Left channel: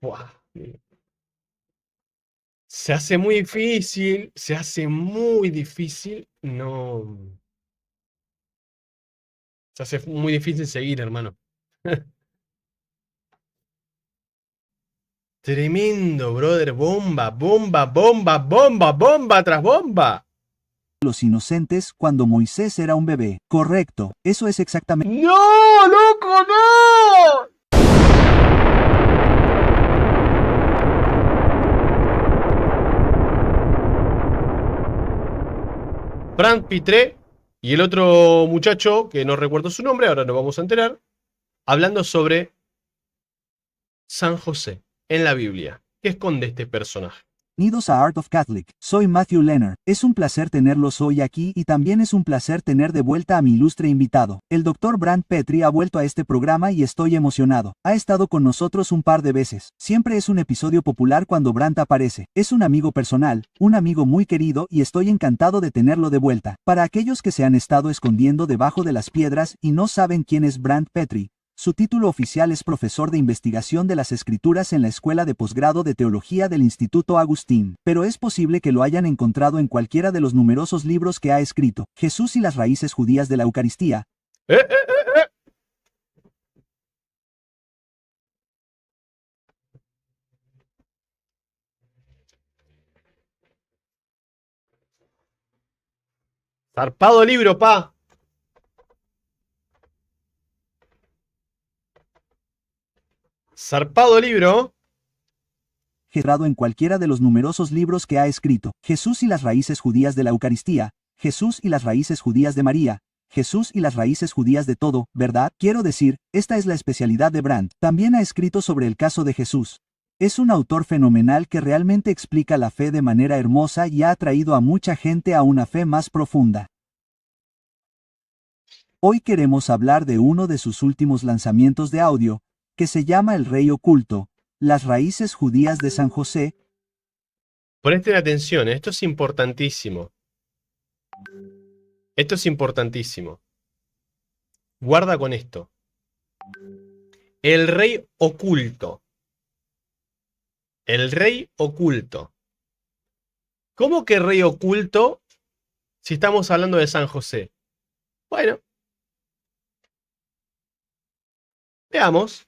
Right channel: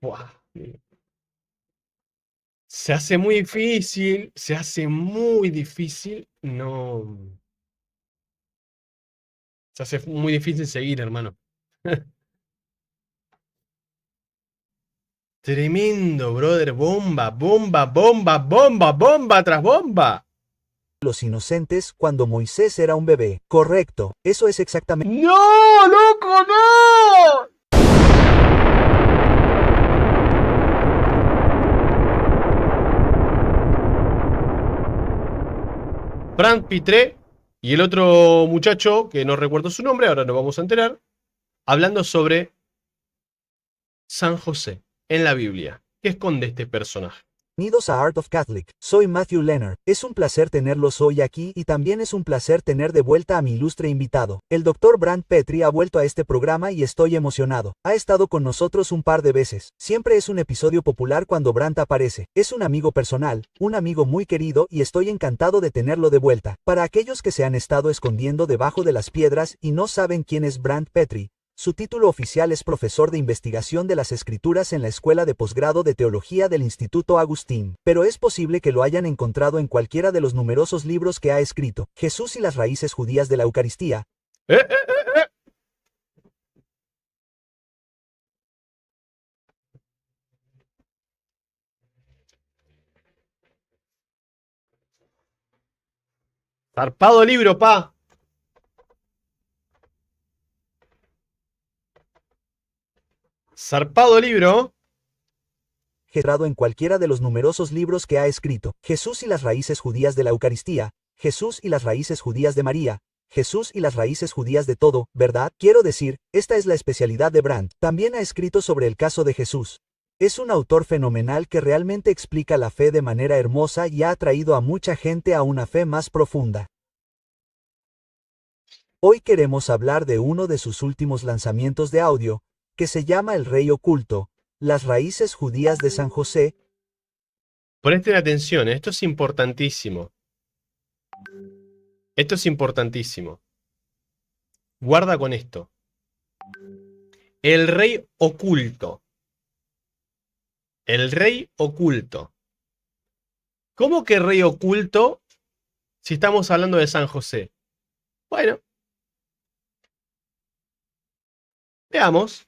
Buah. Se hace muy difícil, se hace muy difícil. No, se hace muy difícil seguir, hermano. Tremendo, brother. Bomba, bomba, bomba, bomba, bomba tras bomba. Los inocentes cuando Moisés era un bebé. Correcto, eso es exactamente ¡No, loco, no! Frank Pitré y el otro muchacho, que no recuerdo su nombre, ahora nos vamos a enterar, hablando sobre San José en la Biblia. ¿Qué esconde este personaje? Bienvenidos a Art of Catholic. Soy Matthew Leonard. Es un placer tenerlos hoy aquí y también es un placer tener de vuelta a mi ilustre invitado. El Dr. Brant Petrie ha vuelto a este programa y estoy emocionado. Ha estado con nosotros un par de veces. Siempre es un episodio popular cuando Brant aparece. Es un amigo personal, un amigo muy querido y estoy encantado de tenerlo de vuelta. Para aquellos que se han estado escondiendo debajo de las piedras y no saben quién es Brant Petrie, su título oficial es profesor de investigación de las escrituras en la Escuela de Posgrado de Teología del Instituto Agustín, pero es posible que lo hayan encontrado en cualquiera de los numerosos libros que ha escrito. Jesús y las raíces judías de la Eucaristía. ¡Eh, eh, eh, eh! Zarpado libro, pa. Zarpado libro. Gerado en cualquiera de los numerosos libros que ha escrito. Jesús y las raíces judías de la Eucaristía. Jesús y las raíces judías de María. Jesús y las raíces judías de todo, ¿verdad? Quiero decir, esta es la especialidad de Brant. También ha escrito sobre el caso de Jesús. Es un autor fenomenal que realmente explica la fe de manera hermosa y ha atraído a mucha gente a una fe más profunda. Hoy queremos hablar de uno de sus últimos lanzamientos de audio, que se llama El Rey Oculto, las raíces judías de San José. Presten atención, esto es importantísimo. Esto es importantísimo. Guarda con esto. El rey oculto. El rey oculto. ¿Cómo que rey oculto si estamos hablando de San José? Bueno, veamos.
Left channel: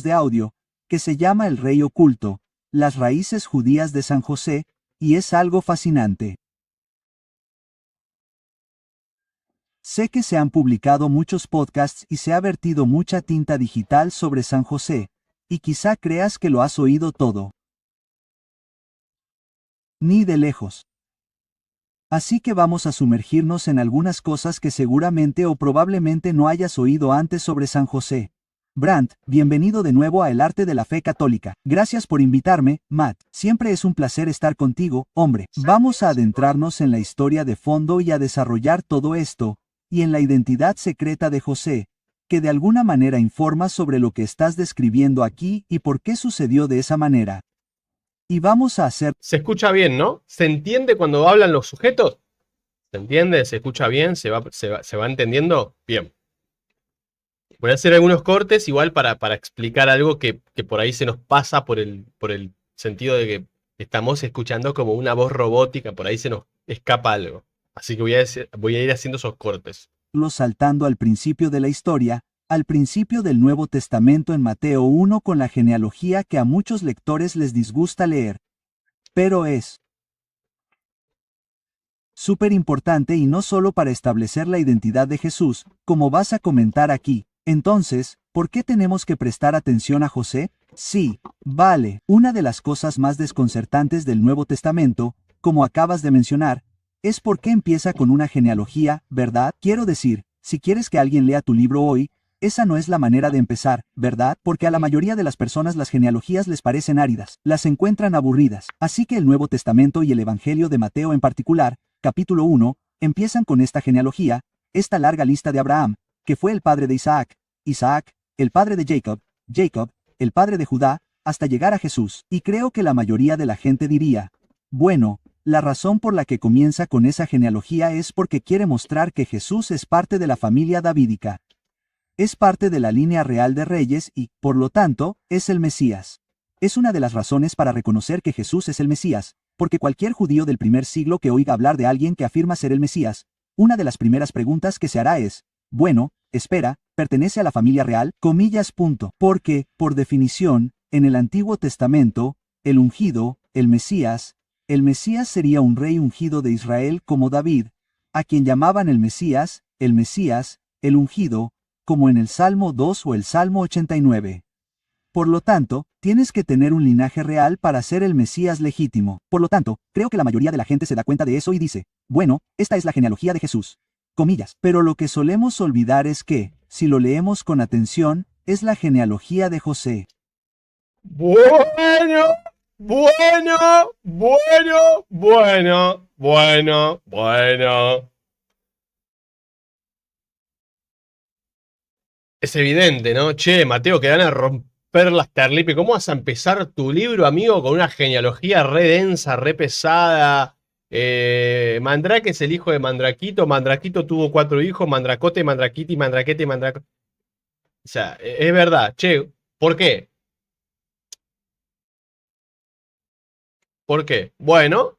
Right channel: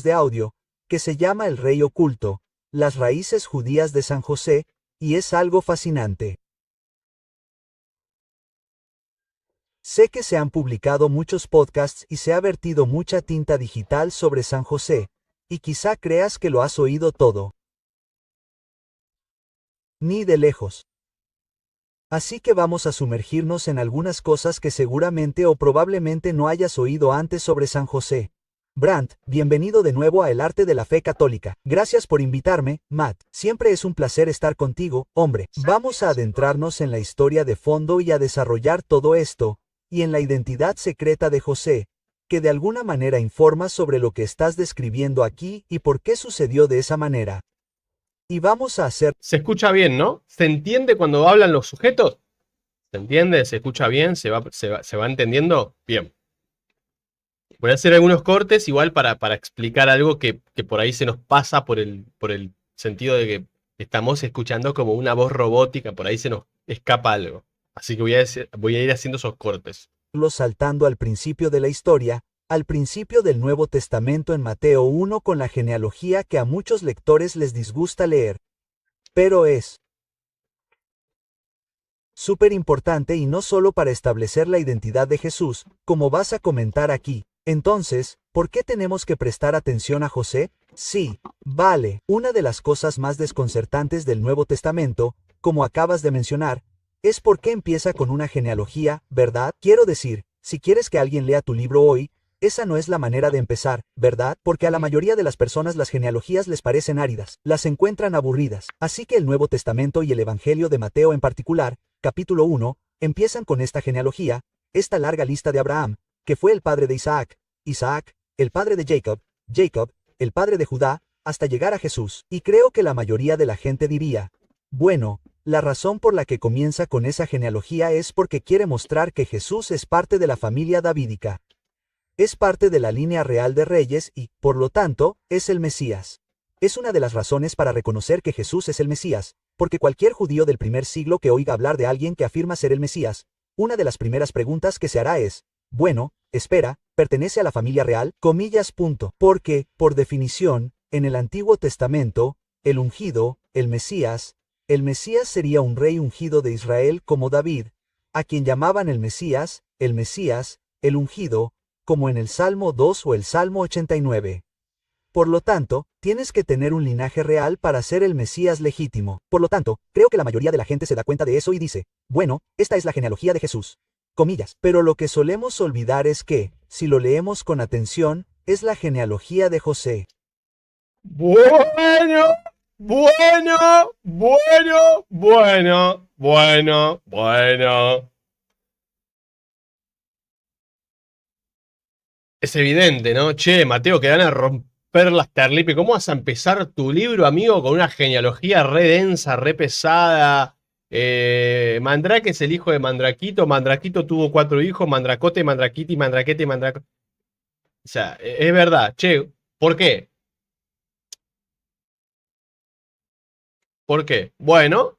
De audio, que se llama El Rey Oculto, las raíces judías de San José, y es algo fascinante. Sé que se han publicado muchos podcasts y se ha vertido mucha tinta digital sobre San José, y quizá creas que lo has oído todo. Ni de lejos. Así que vamos a sumergirnos en algunas cosas que seguramente o probablemente no hayas oído antes sobre San José. Brant, bienvenido de nuevo a El Arte de la Fe Católica. Gracias por invitarme, Matt. Siempre es un placer estar contigo, hombre. Vamos a adentrarnos en la historia de fondo y a desarrollar todo esto, y en la identidad secreta de José, que de alguna manera informa sobre lo que estás describiendo aquí y por qué sucedió de esa manera. Y vamos a hacer... Se escucha bien, ¿no? ¿Se entiende cuando hablan los sujetos? ¿Se entiende? ¿Se escucha bien? ¿Se va entendiendo? Bien. Voy a hacer algunos cortes igual para explicar algo que por ahí se nos pasa por el sentido de que estamos escuchando como una voz robótica, por ahí se nos escapa algo. Así que voy a ir haciendo esos cortes. saltando al principio de la historia, al principio del Nuevo Testamento en Mateo 1 con la genealogía que a muchos lectores les disgusta leer. Pero es súper importante y no solo para establecer la identidad de Jesús, como vas a comentar aquí. Entonces, ¿por qué tenemos que prestar atención a José? Sí, vale, una de las cosas más desconcertantes del Nuevo Testamento, como acabas de mencionar, es por qué empieza con una genealogía, ¿verdad? Quiero decir, si quieres que alguien lea tu libro hoy, esa no es la manera de empezar, ¿verdad? Porque a la mayoría de las personas las genealogías les parecen áridas, las encuentran aburridas. Así que el Nuevo Testamento y el Evangelio de Mateo en particular, capítulo 1, empiezan con esta genealogía, esta larga lista de Abraham, que fue el padre de Isaac, Isaac, el padre de Jacob, Jacob, el padre de Judá, hasta llegar a Jesús. Y creo que la mayoría de la gente diría, bueno, la razón por la que comienza con esa genealogía es porque quiere mostrar que Jesús es parte de la familia davídica. Es parte de la línea real de reyes y, por lo tanto, es el Mesías. Es una de las razones para reconocer que Jesús es el Mesías, porque cualquier judío del primer siglo que oiga hablar de alguien que afirma ser el Mesías, una de las primeras preguntas que se hará es, bueno, espera, ¿pertenece a la familia real? Comillas. Porque, por definición, en el Antiguo Testamento, el ungido, el Mesías sería un rey ungido de Israel como David, a quien llamaban el Mesías, el ungido, como en el Salmo 2 o el Salmo 89. Por lo tanto, tienes que tener un linaje real para ser el Mesías legítimo. Por lo tanto, creo que la mayoría de la gente se da cuenta de eso y dice, bueno, esta es la genealogía de Jesús. Comillas. Pero lo que solemos olvidar es que, si lo leemos con atención, es la genealogía de José. Bueno, bueno, bueno, bueno, bueno, bueno. Es evidente, ¿no? Che, Mateo, que van a romper las terlipe. ¿Cómo vas a empezar tu libro, amigo, con una genealogía re densa, re pesada? Mandrake es el hijo de Mandraquito. Mandraquito tuvo 4 hijos: Mandracote, Mandraquiti, Mandraquete, Mandracote. O sea, es verdad. Che, ¿por qué? ¿Por qué? Bueno,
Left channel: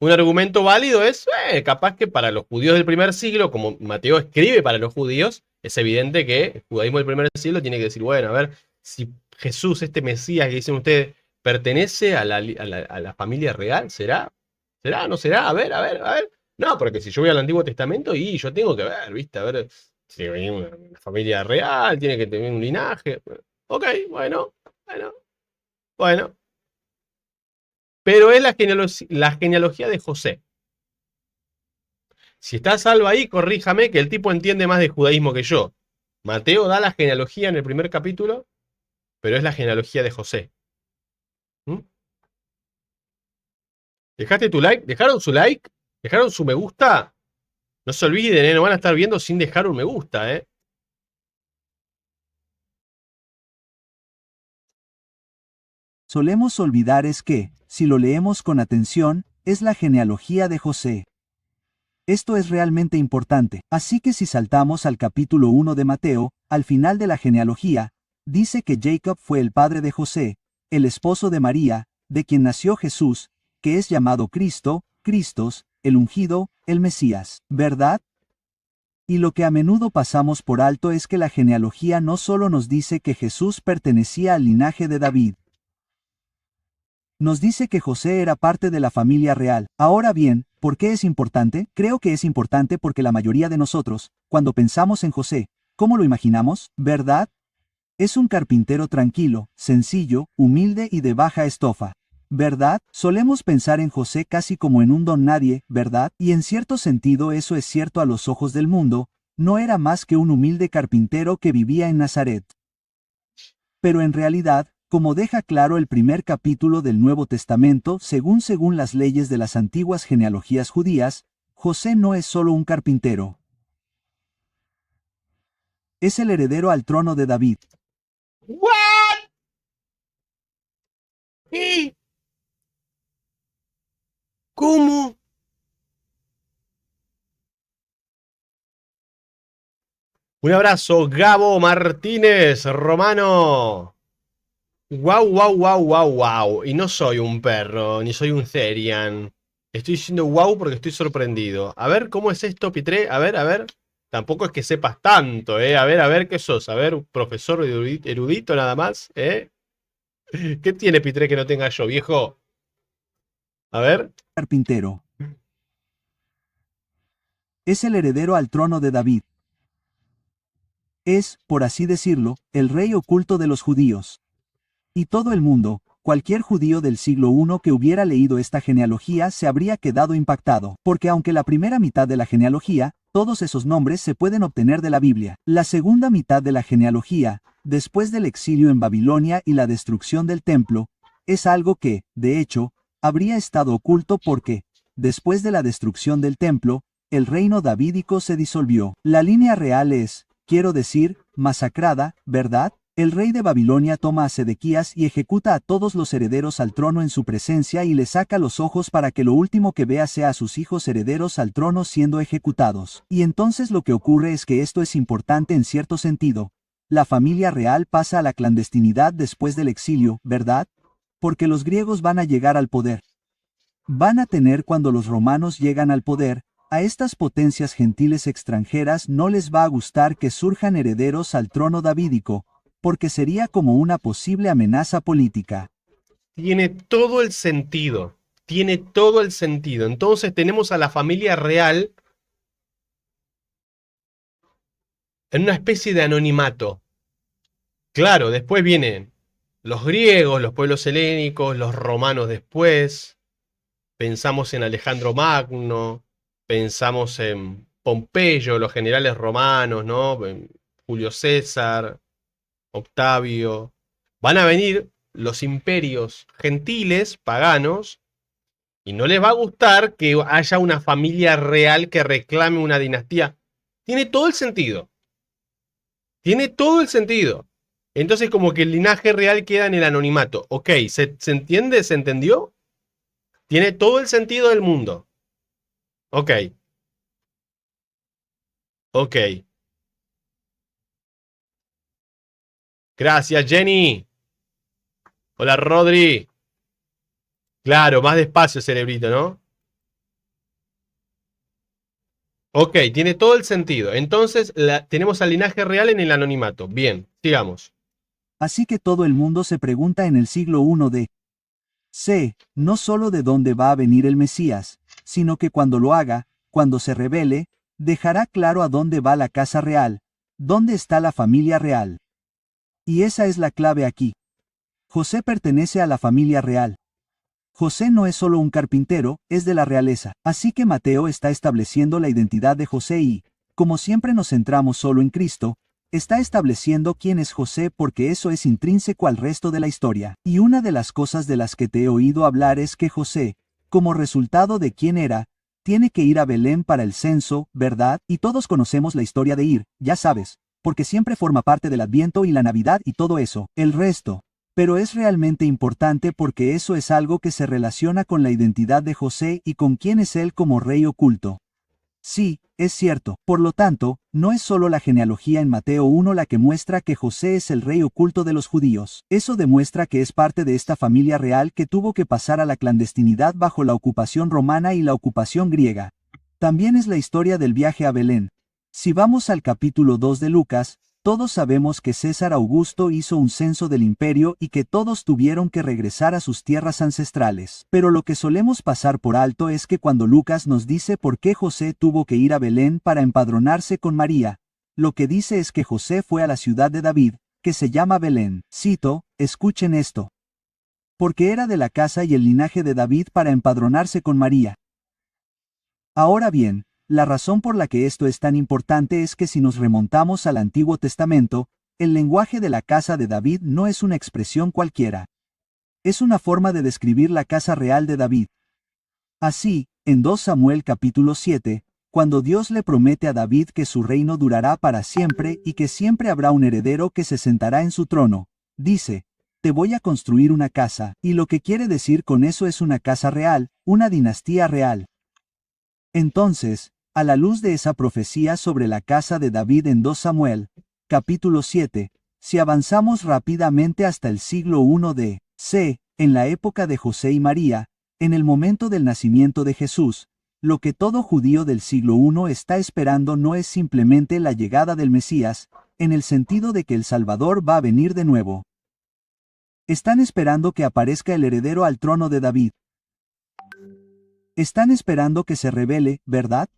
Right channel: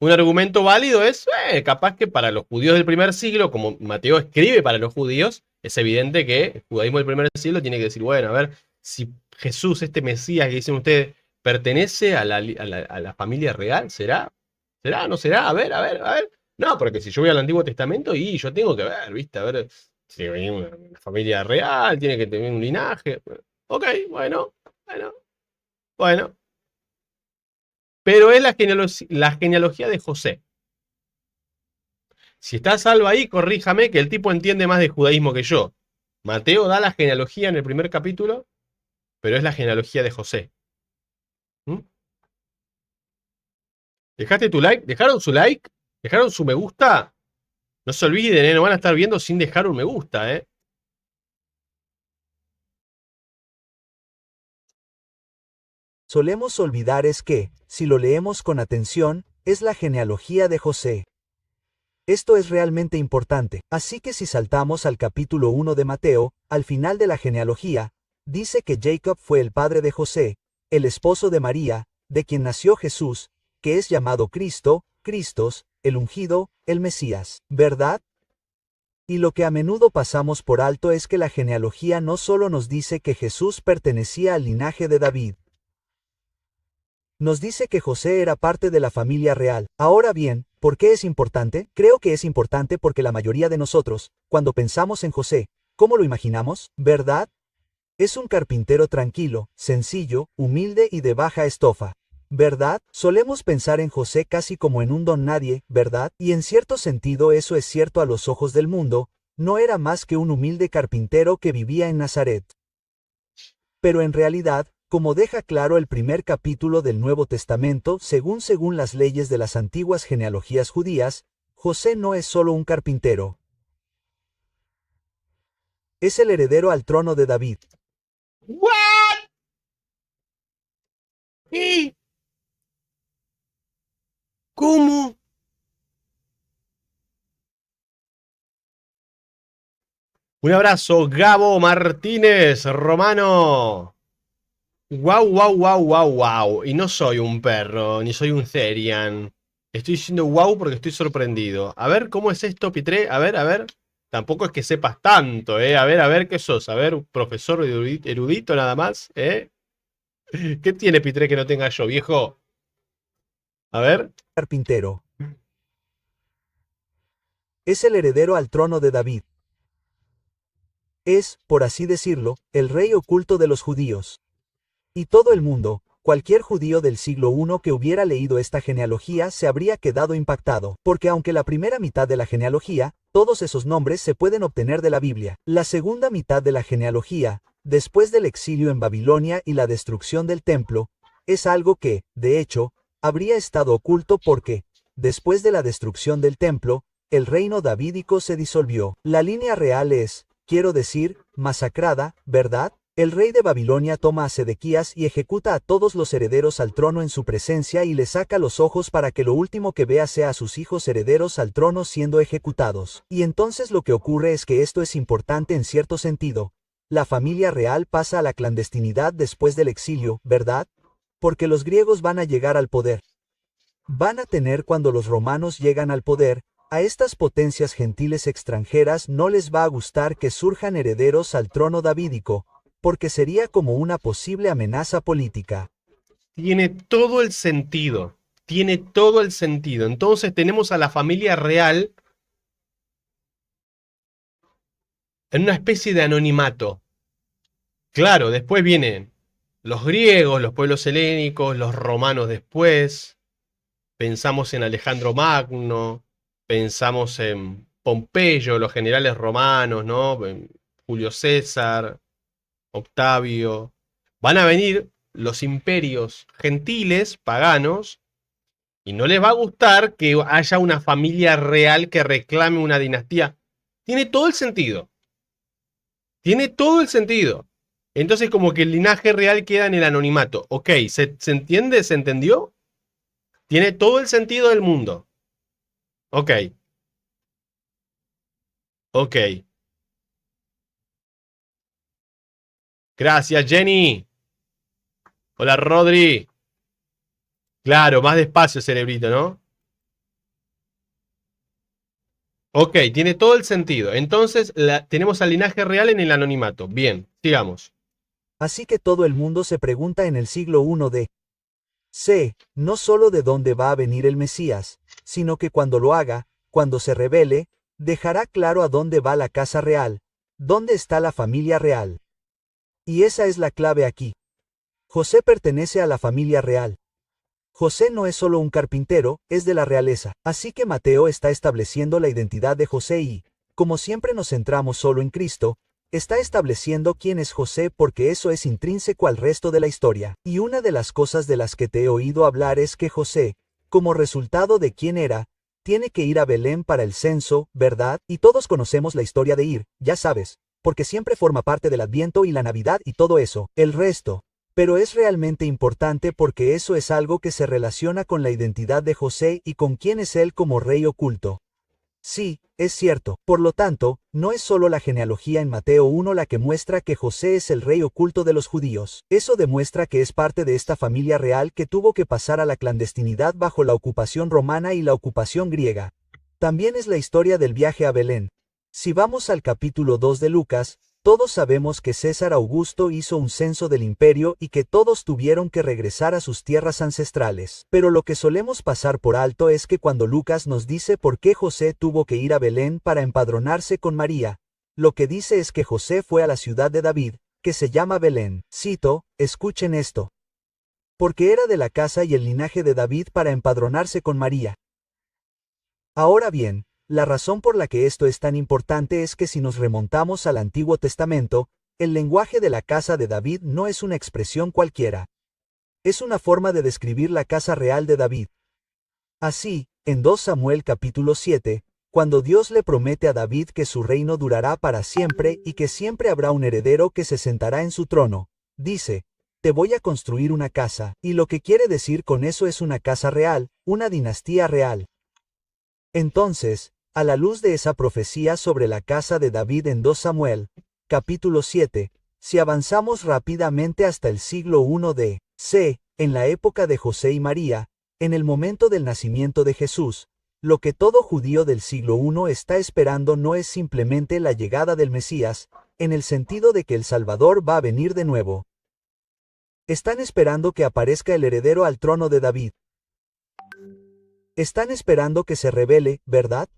un argumento válido es, capaz que para los judíos del primer siglo, como Mateo escribe para los judíos, es evidente que el judaísmo del primer siglo tiene que decir, bueno, a ver, si Jesús, este Mesías que dicen ustedes, pertenece a la familia real, ¿será? ¿Será? ¿No será? A ver, a ver, a ver. No, porque si yo voy al Antiguo Testamento y yo tengo que ver, ¿viste? A ver, si hay una familia real, tiene que tener un linaje. Ok, bueno, bueno, bueno. Pero es la genealogía de José. Si está Salva ahí, corríjame, que el tipo entiende más de judaísmo que yo. Mateo da la genealogía en el primer capítulo, pero es la genealogía de José. ¿Mm? ¿Dejaste tu like? ¿Dejaron su like? ¿Dejaron su me gusta? No se olviden, no van a estar viendo sin dejar un me gusta, Solemos olvidar es que, si lo leemos con atención, es la genealogía de José. Esto es realmente importante, así que si saltamos al capítulo 1 de Mateo, al final de la genealogía, dice que Jacob fue el padre de José, el esposo de María, de quien nació Jesús, que es llamado Cristo, Cristos, el ungido, el Mesías, ¿verdad? Y lo que a menudo pasamos por alto es que la genealogía no solo nos dice que Jesús pertenecía al linaje de David, nos dice que José era parte de la familia real. Ahora bien, ¿por qué es importante? Creo que es importante porque la mayoría de nosotros, cuando pensamos en José, ¿cómo lo imaginamos? ¿Verdad? Es un carpintero tranquilo, sencillo, humilde y de baja estofa. ¿Verdad? Solemos pensar en José casi como en un don nadie, ¿verdad? Y en cierto sentido eso es cierto a los ojos del mundo, no era más que un humilde carpintero que vivía en Nazaret. Pero en realidad, como deja claro el primer capítulo del Nuevo Testamento, según las leyes de las antiguas genealogías judías, José no es solo un carpintero. Es el heredero al trono de David. ¿What? ¿Qué? ¿Cómo? Un abrazo, Gabo Martínez, Romano. Wow, wow, wow, wow, wow. Y no soy un perro, ni soy un Therian. Estoy diciendo wow porque estoy sorprendido. A ver, ¿cómo es esto, Pitré? A ver, a ver. Tampoco es que sepas tanto, ¿eh? A ver, ¿qué sos? A ver, un profesor erudito nada más, ¿eh? ¿Qué tiene Pitré que no tenga yo, viejo? A ver. Carpintero. Es el heredero al trono de David. Es, por así decirlo, el rey oculto de los judíos. Y todo el mundo, cualquier judío del siglo I que hubiera leído esta genealogía se habría quedado impactado, porque aunque la primera mitad de la genealogía, todos esos nombres se pueden obtener de la Biblia, la segunda mitad de la genealogía, después del exilio en Babilonia y la destrucción del templo, es algo que, de hecho, habría estado oculto porque, después de la destrucción del templo, el reino davídico se disolvió. La línea real es, quiero decir, masacrada, ¿verdad? El rey de Babilonia toma a Sedequías y ejecuta a todos los herederos al trono en su presencia y le saca los ojos para que lo último que vea sea a sus hijos herederos al trono siendo ejecutados. Y entonces lo que ocurre es que esto es importante en cierto sentido. La familia real pasa a la clandestinidad después del exilio, ¿verdad? Porque los griegos van a llegar al poder. Van a tener cuando los romanos llegan al poder, a estas potencias gentiles extranjeras no les va a gustar que surjan herederos al trono davídico, porque sería como una posible amenaza política. Tiene todo el sentido. Tiene todo el sentido. Entonces tenemos a la familia real en una especie de anonimato. Claro, después vienen los griegos, los pueblos helénicos, los romanos después. Pensamos en Alejandro Magno, pensamos en Pompeyo, los generales romanos, ¿no? Julio César, Octavio. Van a venir los imperios gentiles, paganos, y no les va a gustar que haya una familia real que reclame una dinastía. Tiene todo el sentido. Tiene todo el sentido. Entonces como que el linaje real queda en el anonimato. Ok, ¿se entiende? ¿Se entendió? Tiene todo el sentido del mundo. Ok, ok. Gracias, Jenny. Hola, Rodri. Claro, más despacio, cerebrito, ¿no? Ok, tiene todo el sentido. Entonces tenemos al linaje real en el anonimato. Bien, sigamos. Así que todo el mundo se pregunta en el siglo I de C, no solo de dónde va a venir el Mesías, sino que cuando lo haga, cuando se revele, dejará claro a dónde va la casa real, dónde está la familia real. Y esa es la clave aquí. José pertenece a la familia real. José no es solo un carpintero, es de la realeza. Así que Mateo está estableciendo la identidad de José y, como siempre nos centramos solo en Cristo, está estableciendo quién es José porque eso es intrínseco al resto de la historia. Y una de las cosas de las que te he oído hablar es que José, como resultado de quién era, tiene que ir a Belén para el censo, ¿verdad? Y todos conocemos la historia de ir, ya sabes, porque siempre forma parte del Adviento y la Navidad y todo eso. El resto. Pero es realmente importante porque eso es algo que se relaciona con la identidad de José y con quién es él como rey oculto. Sí, es cierto. Por lo tanto, no es solo la genealogía en Mateo 1 la que muestra que José es el rey oculto de los judíos. Eso demuestra que es parte de esta familia real que tuvo que pasar a la clandestinidad bajo la ocupación romana y la ocupación griega. También es la historia del viaje a Belén. Si vamos al capítulo 2 de Lucas, todos sabemos que César Augusto hizo un censo del imperio y que todos tuvieron que regresar a sus tierras ancestrales. Pero lo que solemos pasar por alto es que cuando Lucas nos dice por qué José tuvo que ir a Belén para empadronarse con María, lo que dice es que José fue a la ciudad de David, que se llama Belén. Cito, escuchen esto. Porque era de la casa y el linaje de David para empadronarse con María. Ahora bien, la razón por la que esto es tan importante es que si nos remontamos al Antiguo Testamento, el lenguaje de la casa de David no es una expresión cualquiera. Es una forma de describir la casa real de David. Así, en 2 Samuel capítulo 7, cuando Dios le promete a David que su reino durará para siempre y que siempre habrá un heredero que se sentará en su trono, dice, te voy a construir una casa, y lo que quiere decir con eso es una casa real, una dinastía real. Entonces, a la luz de esa profecía sobre la casa de David en 2 Samuel, capítulo 7, si avanzamos rápidamente hasta el siglo I de C, en la época de José y María, en el momento del nacimiento de Jesús, lo que todo judío del siglo I está esperando no es simplemente la llegada del Mesías, en el sentido de que el Salvador va a venir de nuevo. Están esperando que aparezca el heredero al trono de David. Están esperando que se revele, ¿verdad?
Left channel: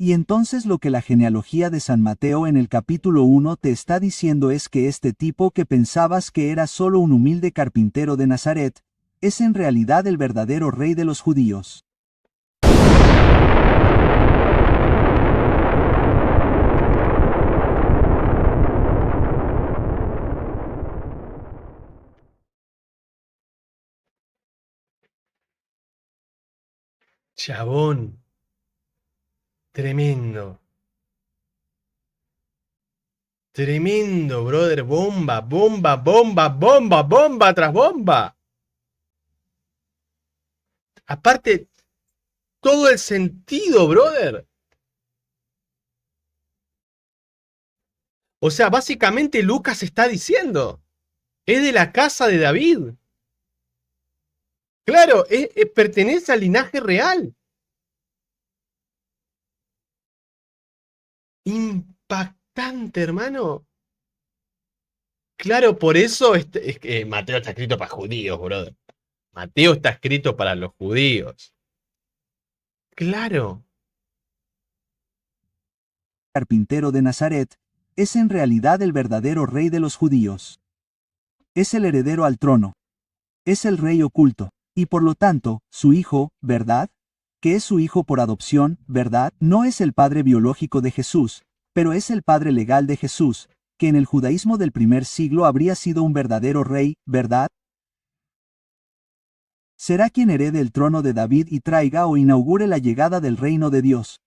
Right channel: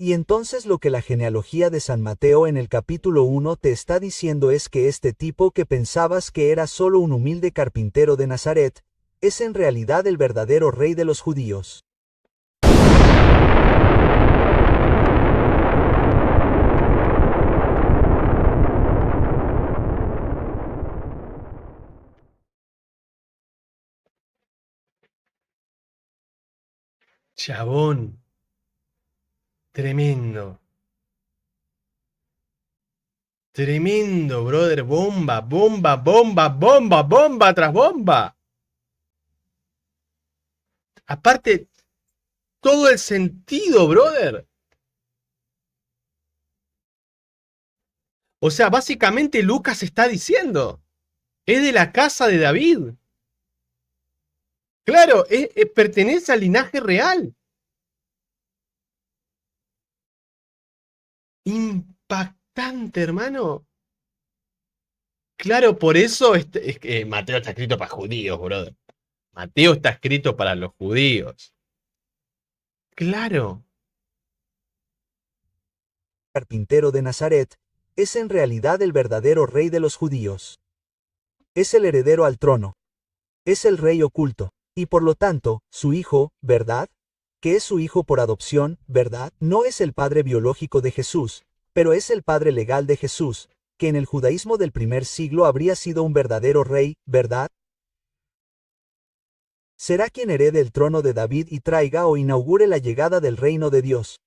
Y entonces lo que la genealogía de San Mateo en el capítulo 1 te está diciendo es que este tipo que pensabas que era solo un humilde carpintero de Nazaret, es en realidad el verdadero rey de los judíos. Chabón. Tremendo. Tremendo, brother. Bomba, bomba, bomba, bomba, bomba tras bomba. Aparte, todo el sentido, brother. O sea, básicamente Lucas está diciendo, es de la casa de David. Claro, pertenece al linaje real. Impactante, hermano. Claro, por eso es que Mateo está escrito para judíos, brother. Mateo está escrito para los judíos. Claro. Carpintero de Nazaret, es en realidad el verdadero rey de los judíos. Es el heredero al trono. Es el rey oculto, y por lo tanto, su hijo, ¿verdad? Que es su hijo por adopción, ¿verdad? No es el padre biológico de Jesús, pero es el padre legal de Jesús, que en el judaísmo del primer siglo habría sido un verdadero rey, ¿verdad? Será quien herede el trono de David y traiga o inaugure la llegada del reino de Dios.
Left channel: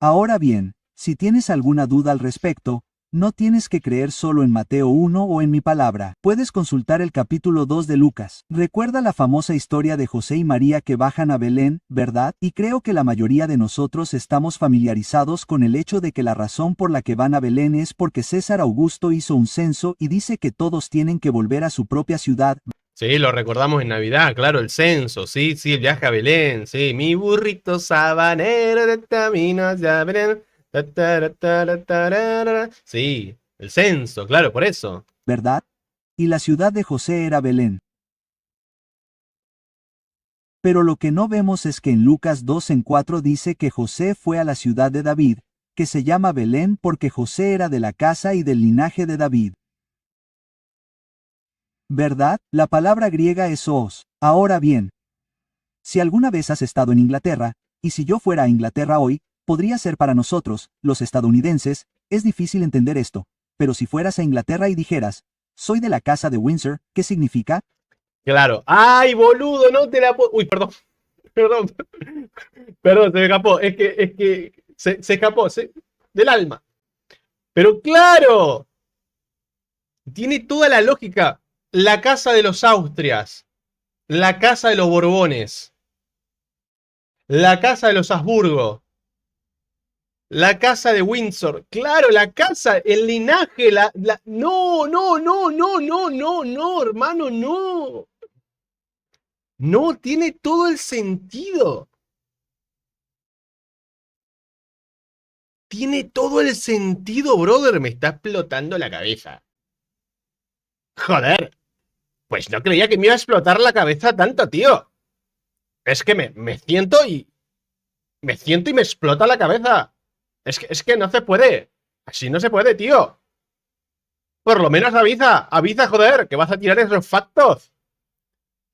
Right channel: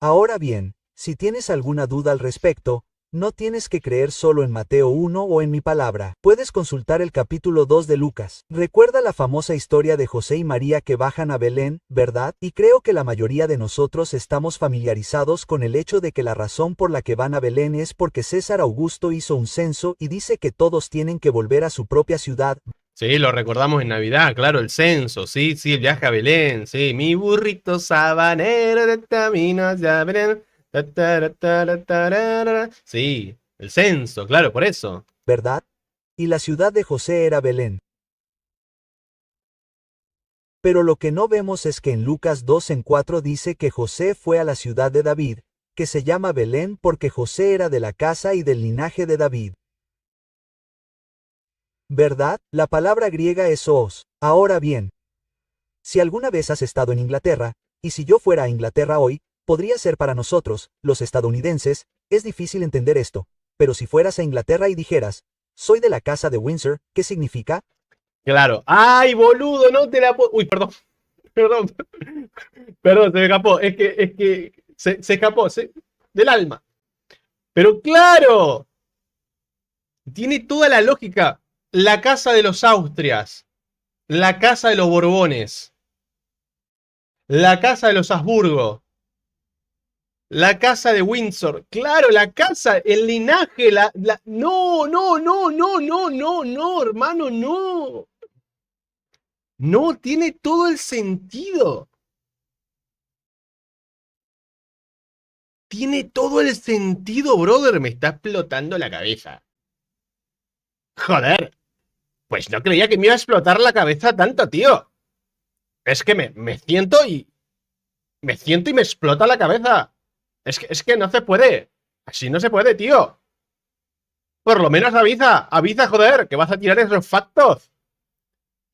Ahora bien, si tienes alguna duda al respecto, no tienes que creer solo en Mateo 1 o en mi palabra. Puedes consultar el capítulo 2 de Lucas. Recuerda la famosa historia de José y María que bajan a Belén, ¿verdad? Y creo que la mayoría de nosotros estamos familiarizados con el hecho de que la razón por la que van a Belén es porque César Augusto hizo un censo y dice que todos tienen que volver a su propia ciudad. Sí, lo recordamos en Navidad, claro, el censo, sí, el viaje a Belén, sí, mi burrito sabanero de camino hacia Belén. Sí, el censo, claro, por eso. ¿Verdad? Y la ciudad de José era Belén. Pero lo que no vemos es que en Lucas 2:4 dice que José fue a la ciudad de David, que se llama Belén porque José era de la casa y del linaje de David. ¿Verdad? La palabra griega es zoos. Ahora bien, si alguna vez has estado en Inglaterra, y si yo fuera a Inglaterra hoy, podría ser para nosotros, los estadounidenses, es difícil entender esto, pero si fueras a Inglaterra y dijeras, soy de la casa de Windsor, ¿qué significa? Claro. ¡Ay, boludo! No te la puedo. Uy, perdón. Perdón. Perdón, se me escapó. Es que se escapó del alma. Pero claro. Tiene toda la lógica. La casa de los Austrias. La casa de los Borbones. La casa de los Habsburgo. La casa de Windsor. Claro, la casa, el linaje, No, no, no, no, no, no, no, hermano, no. No, tiene todo el sentido. Tiene todo el sentido, brother. Me está explotando la cabeza. Joder. Pues no creía que me iba a explotar la cabeza tanto, tío. Es que me siento y... Me siento y me explota la cabeza. Es que no se puede. Así no se puede, tío. Por lo menos avisa. Avisa, joder, que vas a tirar esos factos.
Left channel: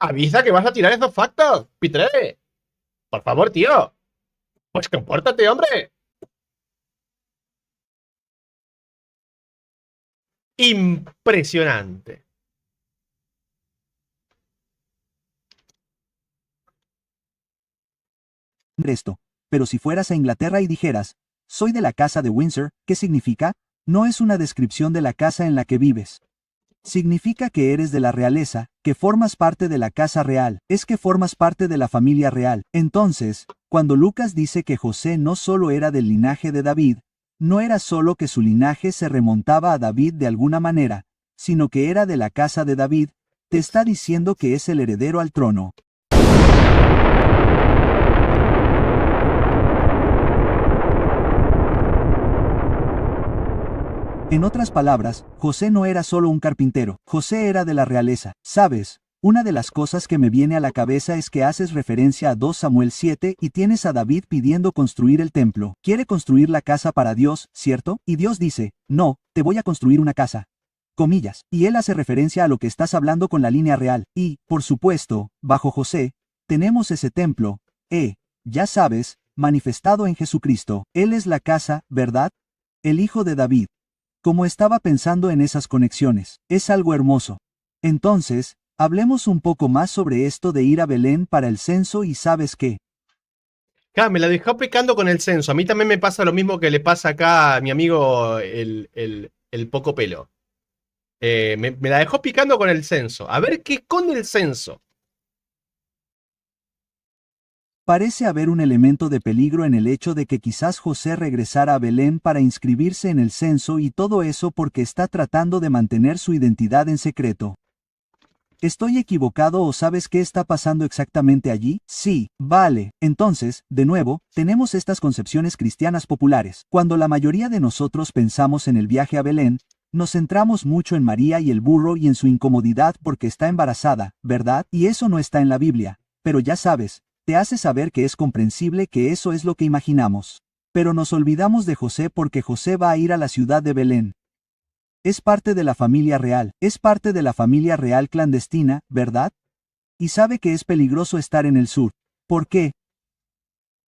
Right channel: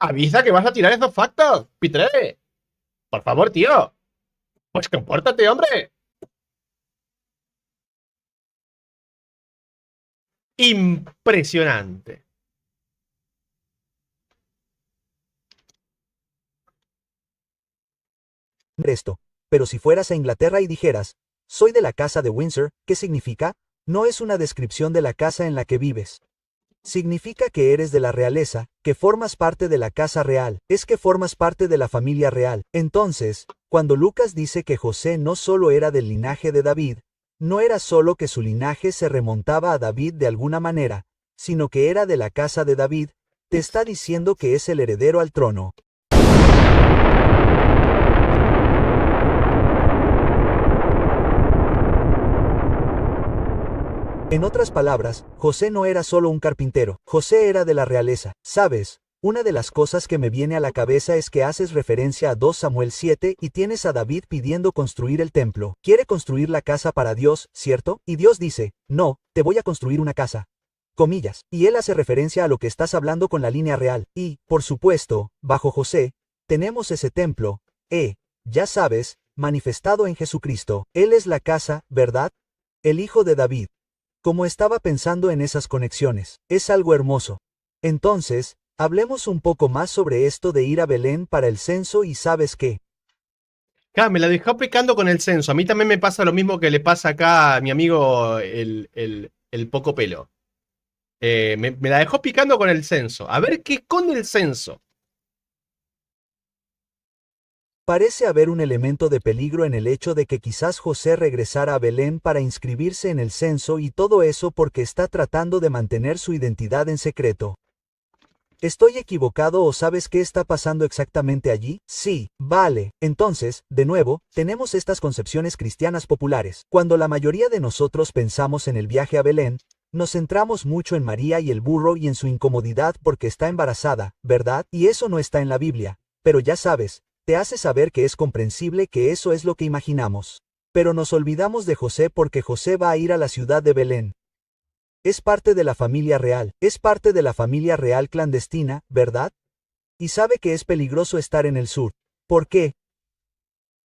Avisa que vas a tirar esos factos, Pitre. Por favor, tío. Pues compórtate, hombre. Impresionante. Esto. Pero si fueras a Inglaterra y dijeras, soy de la casa de Windsor, ¿qué significa? No es una descripción de la casa en la que vives. Significa que eres de la realeza, que formas parte de la casa real, es que formas parte de la familia real. Entonces, cuando Lucas dice que José no solo era del linaje de David, no era solo que su linaje se remontaba a David de alguna manera, sino que era de la casa de David, te está diciendo que es el heredero al trono. En otras palabras, José no era solo un carpintero, José era de la realeza. ¿Sabes? Una de las cosas que me viene a la cabeza es que haces referencia a 2 Samuel 7 y tienes a David pidiendo construir el templo. Quiere construir la casa para Dios, ¿cierto? Y Dios dice, no, te voy a construir una casa. Comillas. Y él hace referencia a lo que estás hablando con la línea real. Y, por supuesto, bajo José, tenemos ese templo, ya sabes, manifestado en Jesucristo. Él es la casa, ¿verdad? El hijo de David. Como estaba pensando en esas conexiones, es algo hermoso. Entonces, hablemos un poco más sobre esto de ir a Belén para el censo y ¿sabes qué? Claro, me la dejó picando con el censo. A mí también me pasa lo mismo que le pasa acá a mi amigo el poco pelo. Me la dejó picando con el censo. A ver qué esconde el censo. Parece haber un elemento de peligro en el hecho de que quizás José regresara a Belén para inscribirse en el censo y todo eso porque está tratando de mantener su identidad en secreto. ¿Estoy equivocado o sabes qué está pasando exactamente allí? Sí, vale. Entonces, de nuevo, tenemos estas concepciones cristianas populares. Cuando la mayoría de nosotros pensamos en el viaje a Belén, nos centramos mucho en María y el burro y en su incomodidad porque está embarazada, ¿verdad? Y eso no está en la Biblia. Pero ya sabes, te hace saber que es comprensible que eso es lo que imaginamos. Pero nos olvidamos de José porque José va a ir a la ciudad de Belén. Es parte de la familia real, es parte de la familia real clandestina, ¿verdad? Y sabe que es peligroso estar en el sur. ¿Por qué?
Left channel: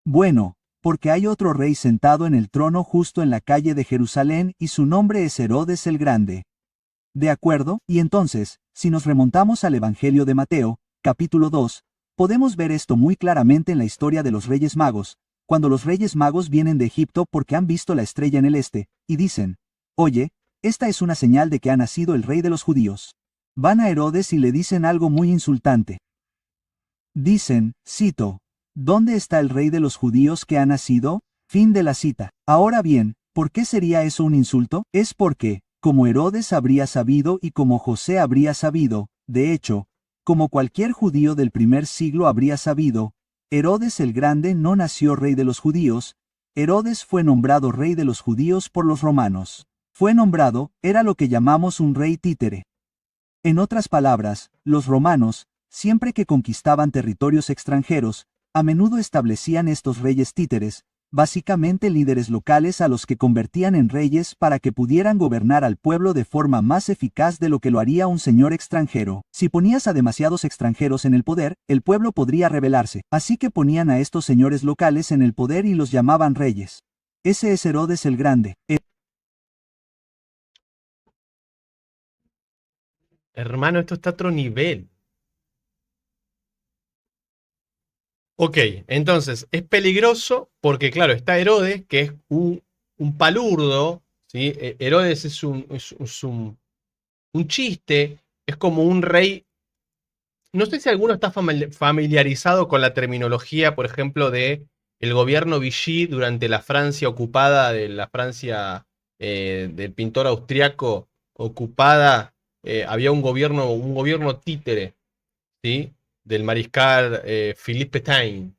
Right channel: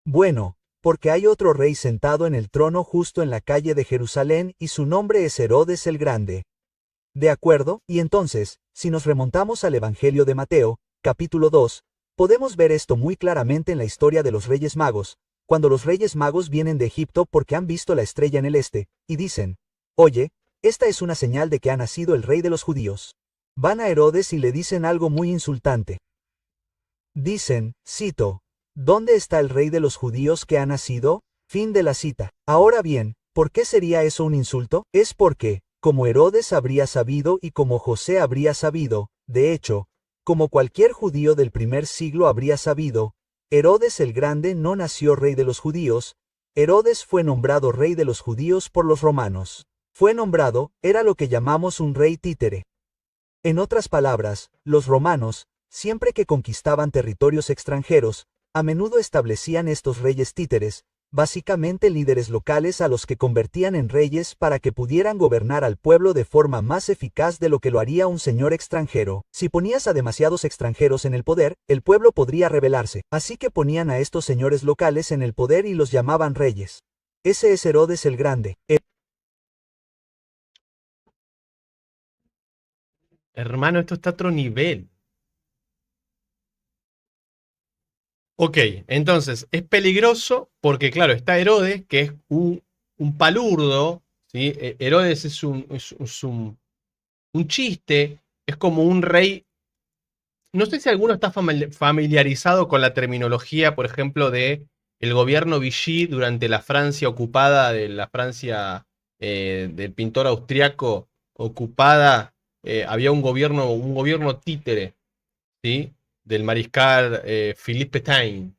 Bueno, porque hay otro rey sentado en el trono justo en la calle de Jerusalén y su nombre es Herodes el Grande. ¿De acuerdo? Y entonces, si nos remontamos al Evangelio de Mateo, capítulo 2, podemos ver esto muy claramente en la historia de los Reyes Magos, cuando los Reyes Magos vienen de Egipto porque han visto la estrella en el este, y dicen, oye, esta es una señal de que ha nacido el rey de los judíos. Van a Herodes y le dicen algo muy insultante. Dicen, cito, ¿dónde está el rey de los judíos que ha nacido? Fin de la cita. Ahora bien, ¿por qué sería eso un insulto? Es porque, como Herodes habría sabido y como José habría sabido, de hecho, como cualquier judío del primer siglo habría sabido, Herodes el Grande no nació rey de los judíos, Herodes fue nombrado rey de los judíos por los romanos. Fue nombrado, era lo que llamamos un rey títere. En otras palabras, los romanos, siempre que conquistaban territorios extranjeros, a menudo establecían estos reyes títeres, básicamente líderes locales a los que convertían en reyes para que pudieran gobernar al pueblo de forma más eficaz de lo que lo haría un señor extranjero. Si ponías a demasiados extranjeros en el poder, el pueblo podría rebelarse, así que ponían a estos señores locales en el poder y los llamaban reyes. Ese es Herodes el Grande. Hermano, esto está a otro nivel. Ok, entonces es peligroso porque, claro, está Herodes, que es un palurdo, ¿sí? Herodes es un chiste, es como un rey. No sé si alguno está familiarizado con la terminología, por ejemplo, de el gobierno Vichy durante la Francia ocupada, de la Francia del pintor austriaco ocupada, había un gobierno títere, ¿sí? Del mariscal Philippe Pétain.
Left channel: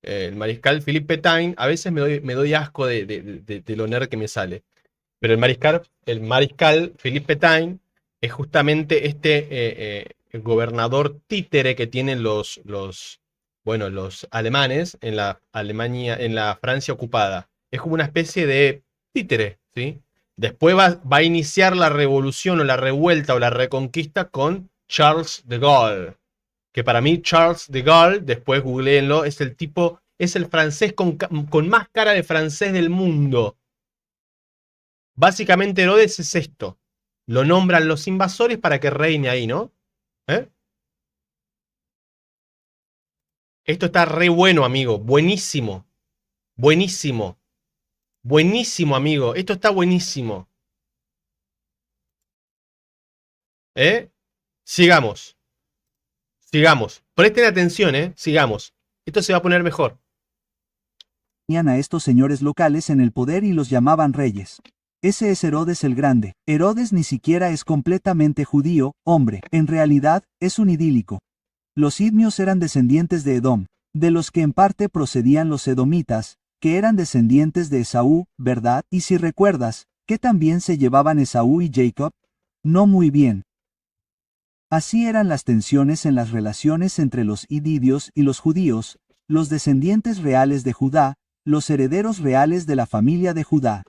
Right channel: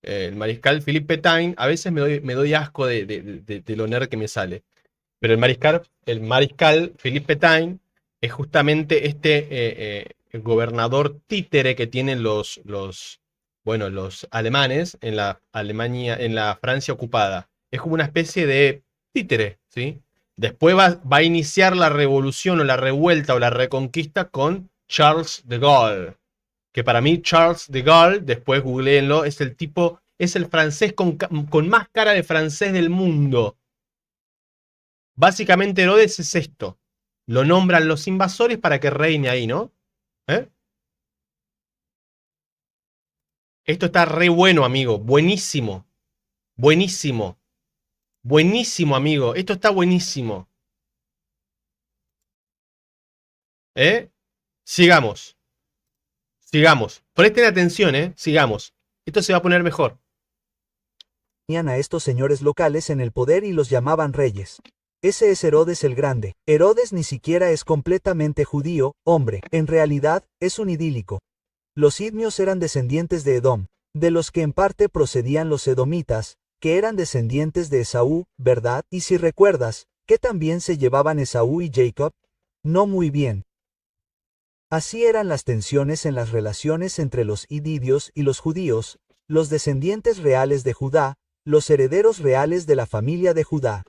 El mariscal Philippe Pétain, a veces me doy asco de lo nerd que me sale. Pero el mariscal Philippe Pétain es justamente el gobernador títere que tienen bueno, los alemanes en la Alemania, en la Francia ocupada. Es como una especie de títere, ¿sí? Después va a iniciar la revolución o la revuelta o la reconquista con Charles de Gaulle. Que para mí Charles de Gaulle, después googleenlo, es el francés con más cara de francés del mundo. Básicamente Herodes es esto. Lo nombran los invasores para que reine ahí, ¿no? ¿Eh? Esto está re bueno, amigo. Buenísimo. Buenísimo. Buenísimo, amigo. Esto está buenísimo. ¿Eh? Sigamos. Sigamos. Presten atención, ¿eh? Sigamos. Esto se va a poner mejor. Tenían a estos señores locales en el poder y los llamaban reyes. Ese es Herodes el Grande. Herodes ni siquiera es completamente judío, hombre, en realidad, es un idílico. Los idmios eran descendientes de Edom, de los que en parte procedían los edomitas, que eran descendientes de Esaú, ¿verdad? Y si recuerdas, ¿qué también se llevaban Esaú y Jacob? No muy bien. Así eran las tensiones en las relaciones entre los ididios y los judíos, los descendientes reales de Judá, los herederos reales de la familia de Judá.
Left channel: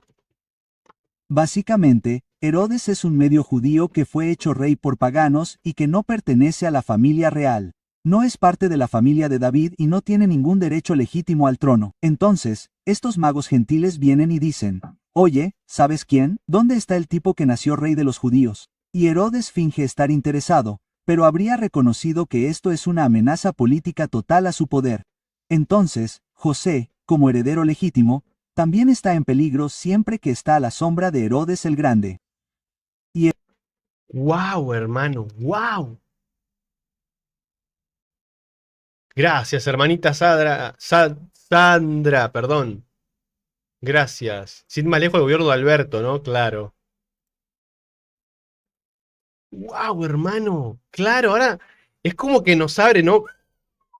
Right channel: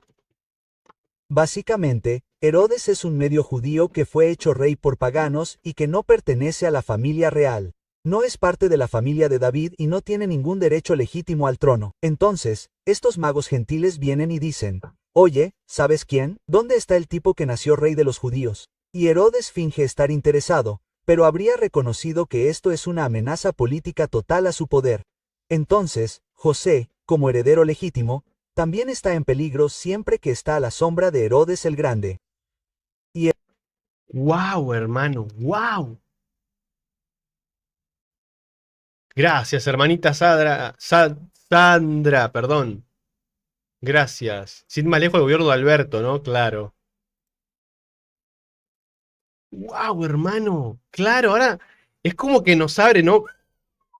Básicamente, Herodes es un medio judío que fue hecho rey por paganos y que no pertenece a la familia real. No es parte de la familia de David y no tiene ningún derecho legítimo al trono. Entonces, estos magos gentiles vienen y dicen, oye, ¿sabes quién? ¿Dónde está el tipo que nació rey de los judíos? Y Herodes finge estar interesado, pero habría reconocido que esto es una amenaza política total a su poder. Entonces, José, como heredero legítimo, también está en peligro siempre que está a la sombra de Herodes el Grande. Y ¡Wow, hermano! ¡Wow! Gracias, hermanita Sandra, perdón. Gracias. Sin más lejos el gobierno de Alberto, ¿no? Claro. ¡Wow, hermano! Claro, ahora es como que nos abre, ¿no?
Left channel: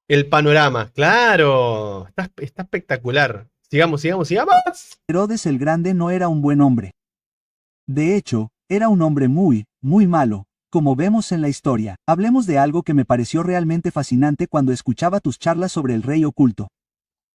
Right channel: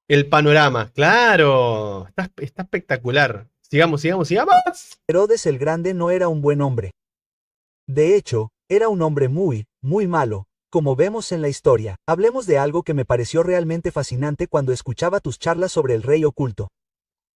El panorama. Claro. Está espectacular. Sigamos, sigamos, sigamos. Herodes el Grande no era un buen hombre. De hecho, era un hombre muy, muy malo, como vemos en la historia. Hablemos de algo que me pareció realmente fascinante cuando escuchaba tus charlas sobre el rey oculto.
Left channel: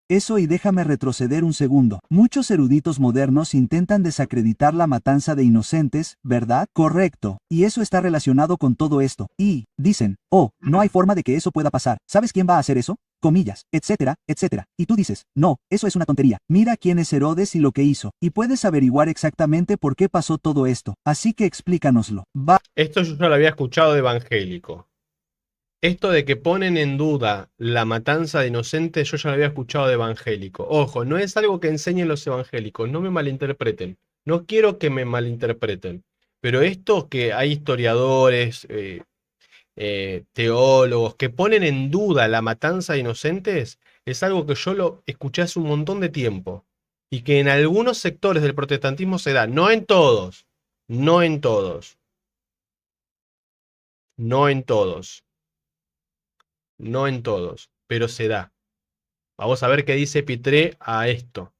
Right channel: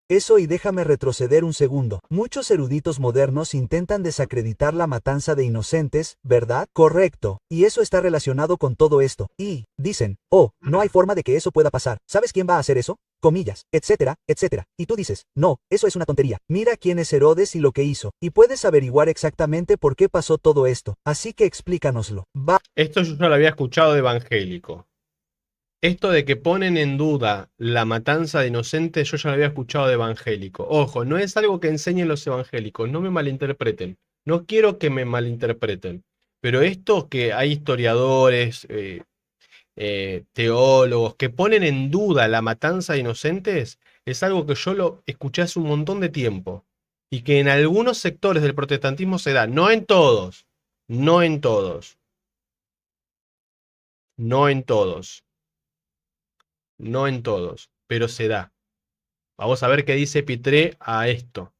Eso, y déjame retroceder un segundo. Muchos eruditos modernos intentan desacreditar la matanza de inocentes, ¿verdad? Correcto. Y eso está relacionado con todo esto. Y dicen, oh, no hay forma de que eso pueda pasar. ¿Sabes quién va a hacer eso? Comillas, etcétera, etcétera. Y tú dices, no, eso es una tontería. Mira quién es Herodes y lo que hizo. Y puedes averiguar exactamente por qué pasó todo esto. Así que explícanoslo. Esto yo ya lo había escuchado de evangélico. Esto de que ponen en duda la matanza de inocentes, yo ya lo había escuchado de evangélico. Ojo, no es algo que enseñen los evangélicos, no me malinterpreten. No quiero que me malinterpreten. Pero esto que hay historiadores, teólogos que ponen en duda la matanza de inocentes, es algo que yo lo escuché hace un montón de tiempo. Y que en algunos sectores del protestantismo se da, no en todos, no en todos, no en todos. No en todos, pero se da. Vamos a ver qué dice Pitré a esto.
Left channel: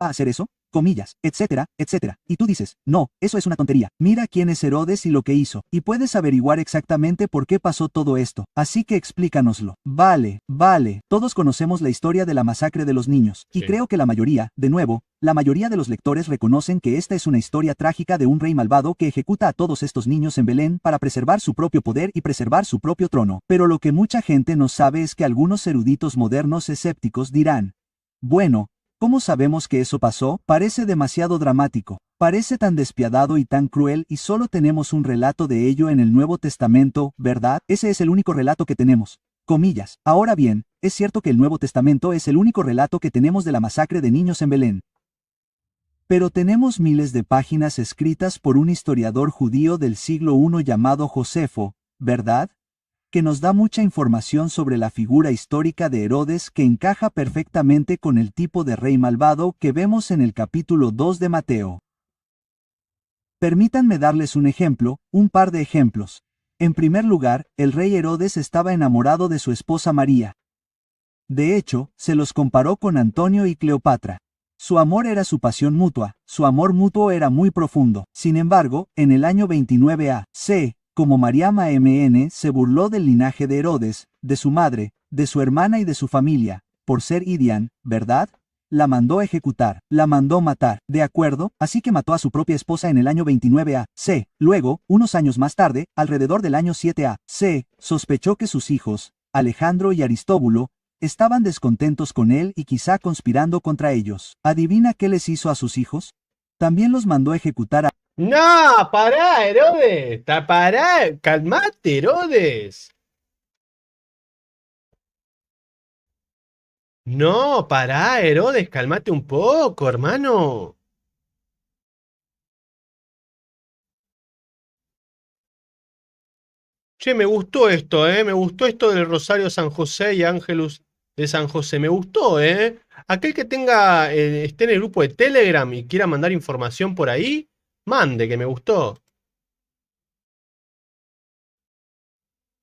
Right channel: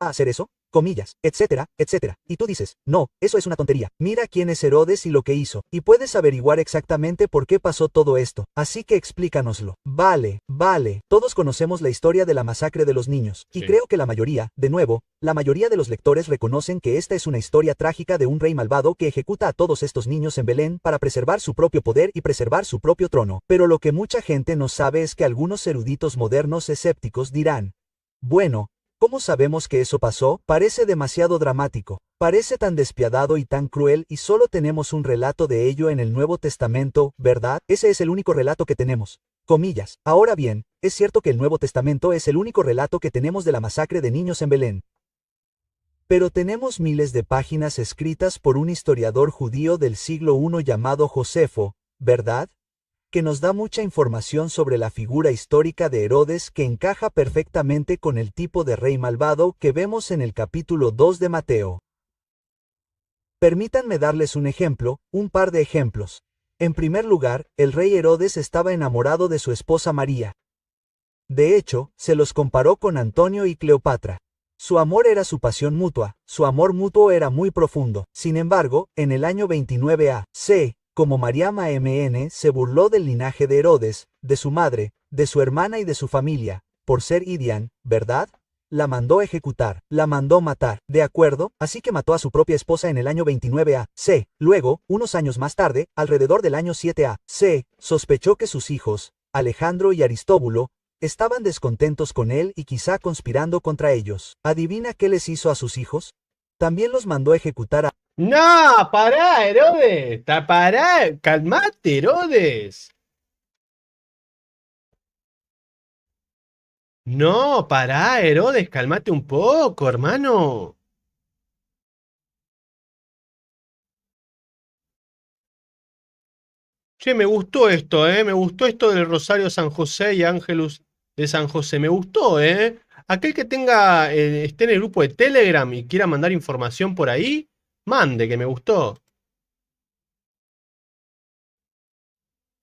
A hacer eso, comillas, etcétera, etcétera. Y tú dices, no, eso es una tontería. Mira quién es Herodes y lo que hizo. Y puedes averiguar exactamente por qué pasó todo esto. Así que explícanoslo. Vale, vale. Todos conocemos la historia de la masacre de los niños. Y Sí. creo que la mayoría, de nuevo, la mayoría de los lectores reconocen que esta es una historia trágica de un rey malvado que ejecuta a todos estos niños en Belén para preservar su propio poder y preservar su propio trono. Pero lo que mucha gente no sabe es que algunos eruditos modernos escépticos dirán, bueno, ¿cómo sabemos que eso pasó? Parece demasiado dramático, parece tan despiadado y tan cruel, y solo tenemos un relato de ello en el Nuevo Testamento, ¿verdad? Ese es el único relato que tenemos. Comillas. Ahora bien, es cierto que el Nuevo Testamento es el único relato que tenemos de la masacre de niños en Belén. Pero tenemos miles de páginas escritas por un historiador judío del siglo I llamado Josefo, ¿verdad? Que nos da mucha información sobre la figura histórica de Herodes, que encaja perfectamente con el tipo de rey malvado que vemos en el capítulo 2 de Mateo. Permítanme darles un ejemplo, un par de ejemplos. En primer lugar, el rey Herodes estaba enamorado de su esposa María. De hecho, se los comparó con Antonio y Cleopatra. Su amor era su pasión mutua, su amor mutuo era muy profundo. Sin embargo, en el año 29 a.C., como Mariam Amn se burló del linaje de Herodes, de su madre, de su hermana y de su familia, por ser Idian, ¿verdad? La mandó ejecutar, la mandó matar, ¿de acuerdo? Así que mató a su propia esposa en el año 29 a.C. Luego, unos años más tarde, alrededor del año 7 a.C., sospechó que sus hijos, Alejandro y Aristóbulo, estaban descontentos con él y quizá conspirando contra ellos. ¿Adivina qué les hizo a sus hijos? También los mandó ejecutar a... No, pará, Herodes. Pará, calmate, Herodes. No, pará, Herodes, calmate un poco, hermano. Che, me gustó esto, ¿eh? Me gustó esto del Rosario San José y Ángelus de San José. Me gustó, ¿eh? Aquel que tenga, esté en el grupo de Telegram y quiera mandar información por ahí, mande, que me gustó.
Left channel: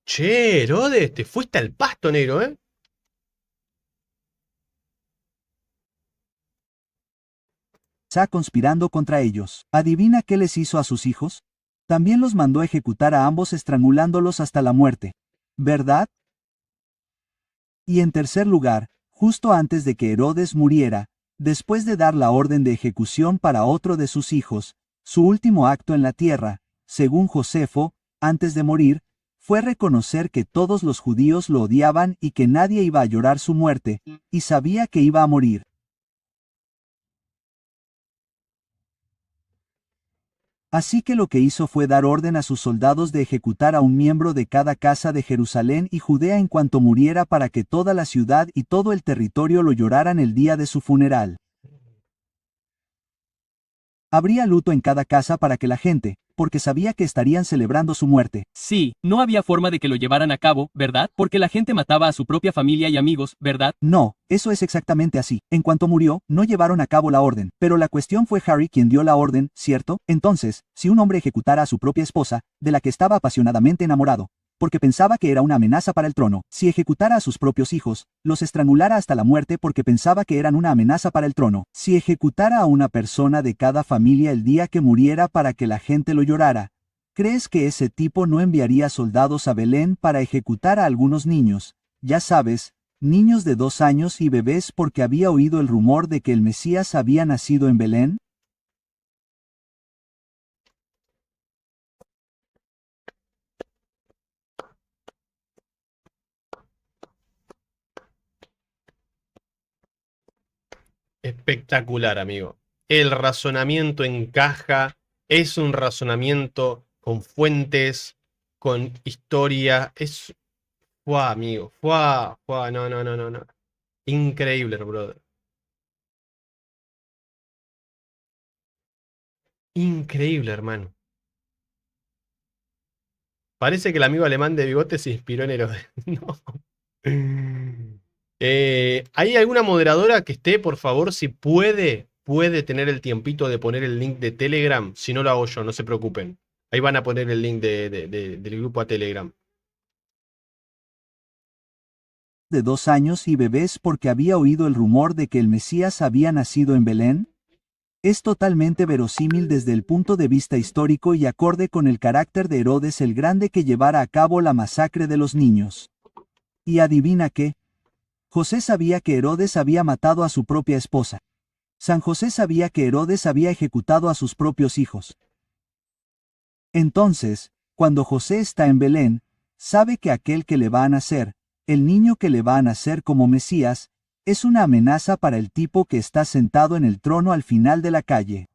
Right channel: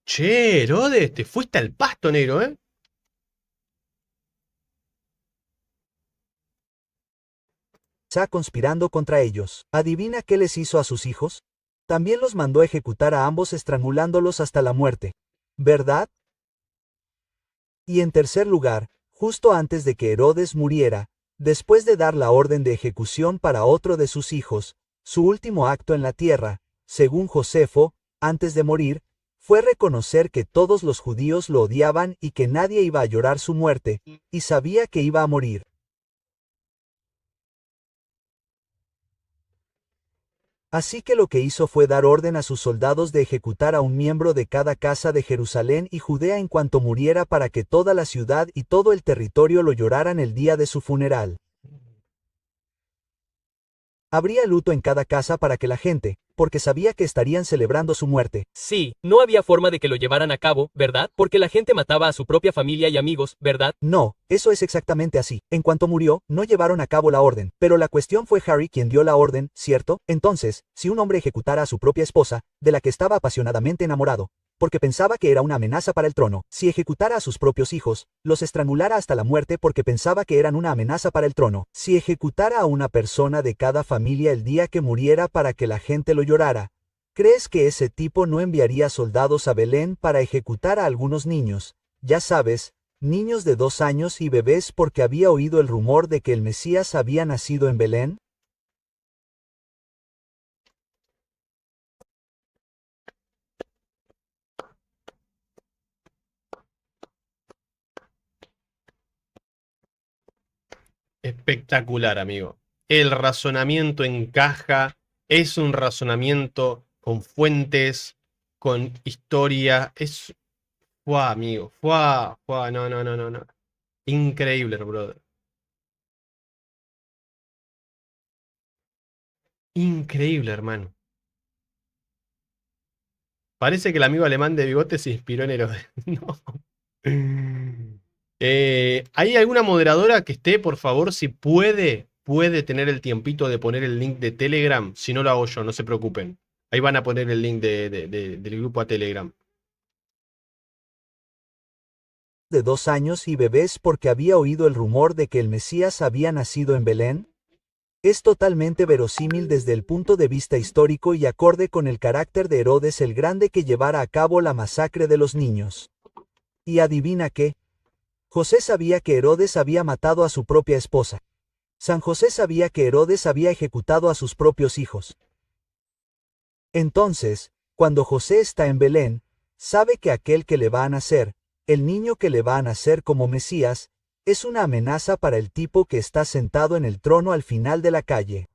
Che, Herodes, te fuiste al pasto, negro, ¿eh? quizá conspirando contra ellos. ¿Adivina qué les hizo a sus hijos? También los mandó ejecutar a ambos estrangulándolos hasta la muerte. ¿Verdad? Y en tercer lugar, justo antes de que Herodes muriera, después de dar la orden de ejecución para otro de sus hijos, su último acto en la tierra, según Josefo, antes de morir, fue reconocer que todos los judíos lo odiaban y que nadie iba a llorar su muerte, y sabía que iba a morir. Así que lo que hizo fue dar orden a sus soldados de ejecutar a un miembro de cada casa de Jerusalén y Judea en cuanto muriera para que toda la ciudad y todo el territorio lo lloraran el día de su funeral. Habría luto en cada casa para que la gente, porque sabía que estarían celebrando su muerte. Sí, no había forma de que lo llevaran a cabo, ¿verdad? Porque la gente mataba a su propia familia y amigos, ¿verdad? No, eso es exactamente así. En cuanto murió, no llevaron a cabo la orden. Pero la cuestión fue Harry quien dio la orden, ¿cierto? Entonces, si un hombre ejecutara a su propia esposa, de la que estaba apasionadamente enamorado, porque pensaba que era una amenaza para el trono, si ejecutara a sus propios hijos, los estrangulara hasta la muerte porque pensaba que eran una amenaza para el trono, si ejecutara a una persona de cada familia el día que muriera para que la gente lo llorara, ¿crees que ese tipo no enviaría soldados a Belén para ejecutar a algunos niños? Ya sabes, niños de 2 años y bebés porque había oído el rumor de que el Mesías había nacido en Belén. Espectacular, amigo. El razonamiento encaja, es un razonamiento con fuentes, con historia. Es. ¡Fua, amigo! ¡Fua! ¡Fua! No, no, no, no, no. Increíble, brother. Increíble, hermano. Parece que el amigo alemán de bigote se inspiró en Herodes. No. ¿Hay alguna moderadora que esté, por favor, si puede tener el tiempito de poner el link de Telegram? Si no lo hago yo, no se preocupen. Ahí van a poner el link del grupo a Telegram. De 2 años y bebés porque había oído el rumor de que el Mesías había nacido en Belén? Es totalmente verosímil desde el punto de vista histórico y acorde con el carácter de Herodes el Grande que llevara a cabo la masacre de los niños. Y adivina qué, José sabía que Herodes había matado a su propia esposa. San José sabía que Herodes había ejecutado a sus propios hijos. Entonces, cuando José está en Belén, sabe que aquel que le va a nacer, el niño que le va a nacer como Mesías, es una amenaza para el tipo que está sentado en el trono al final de la calle.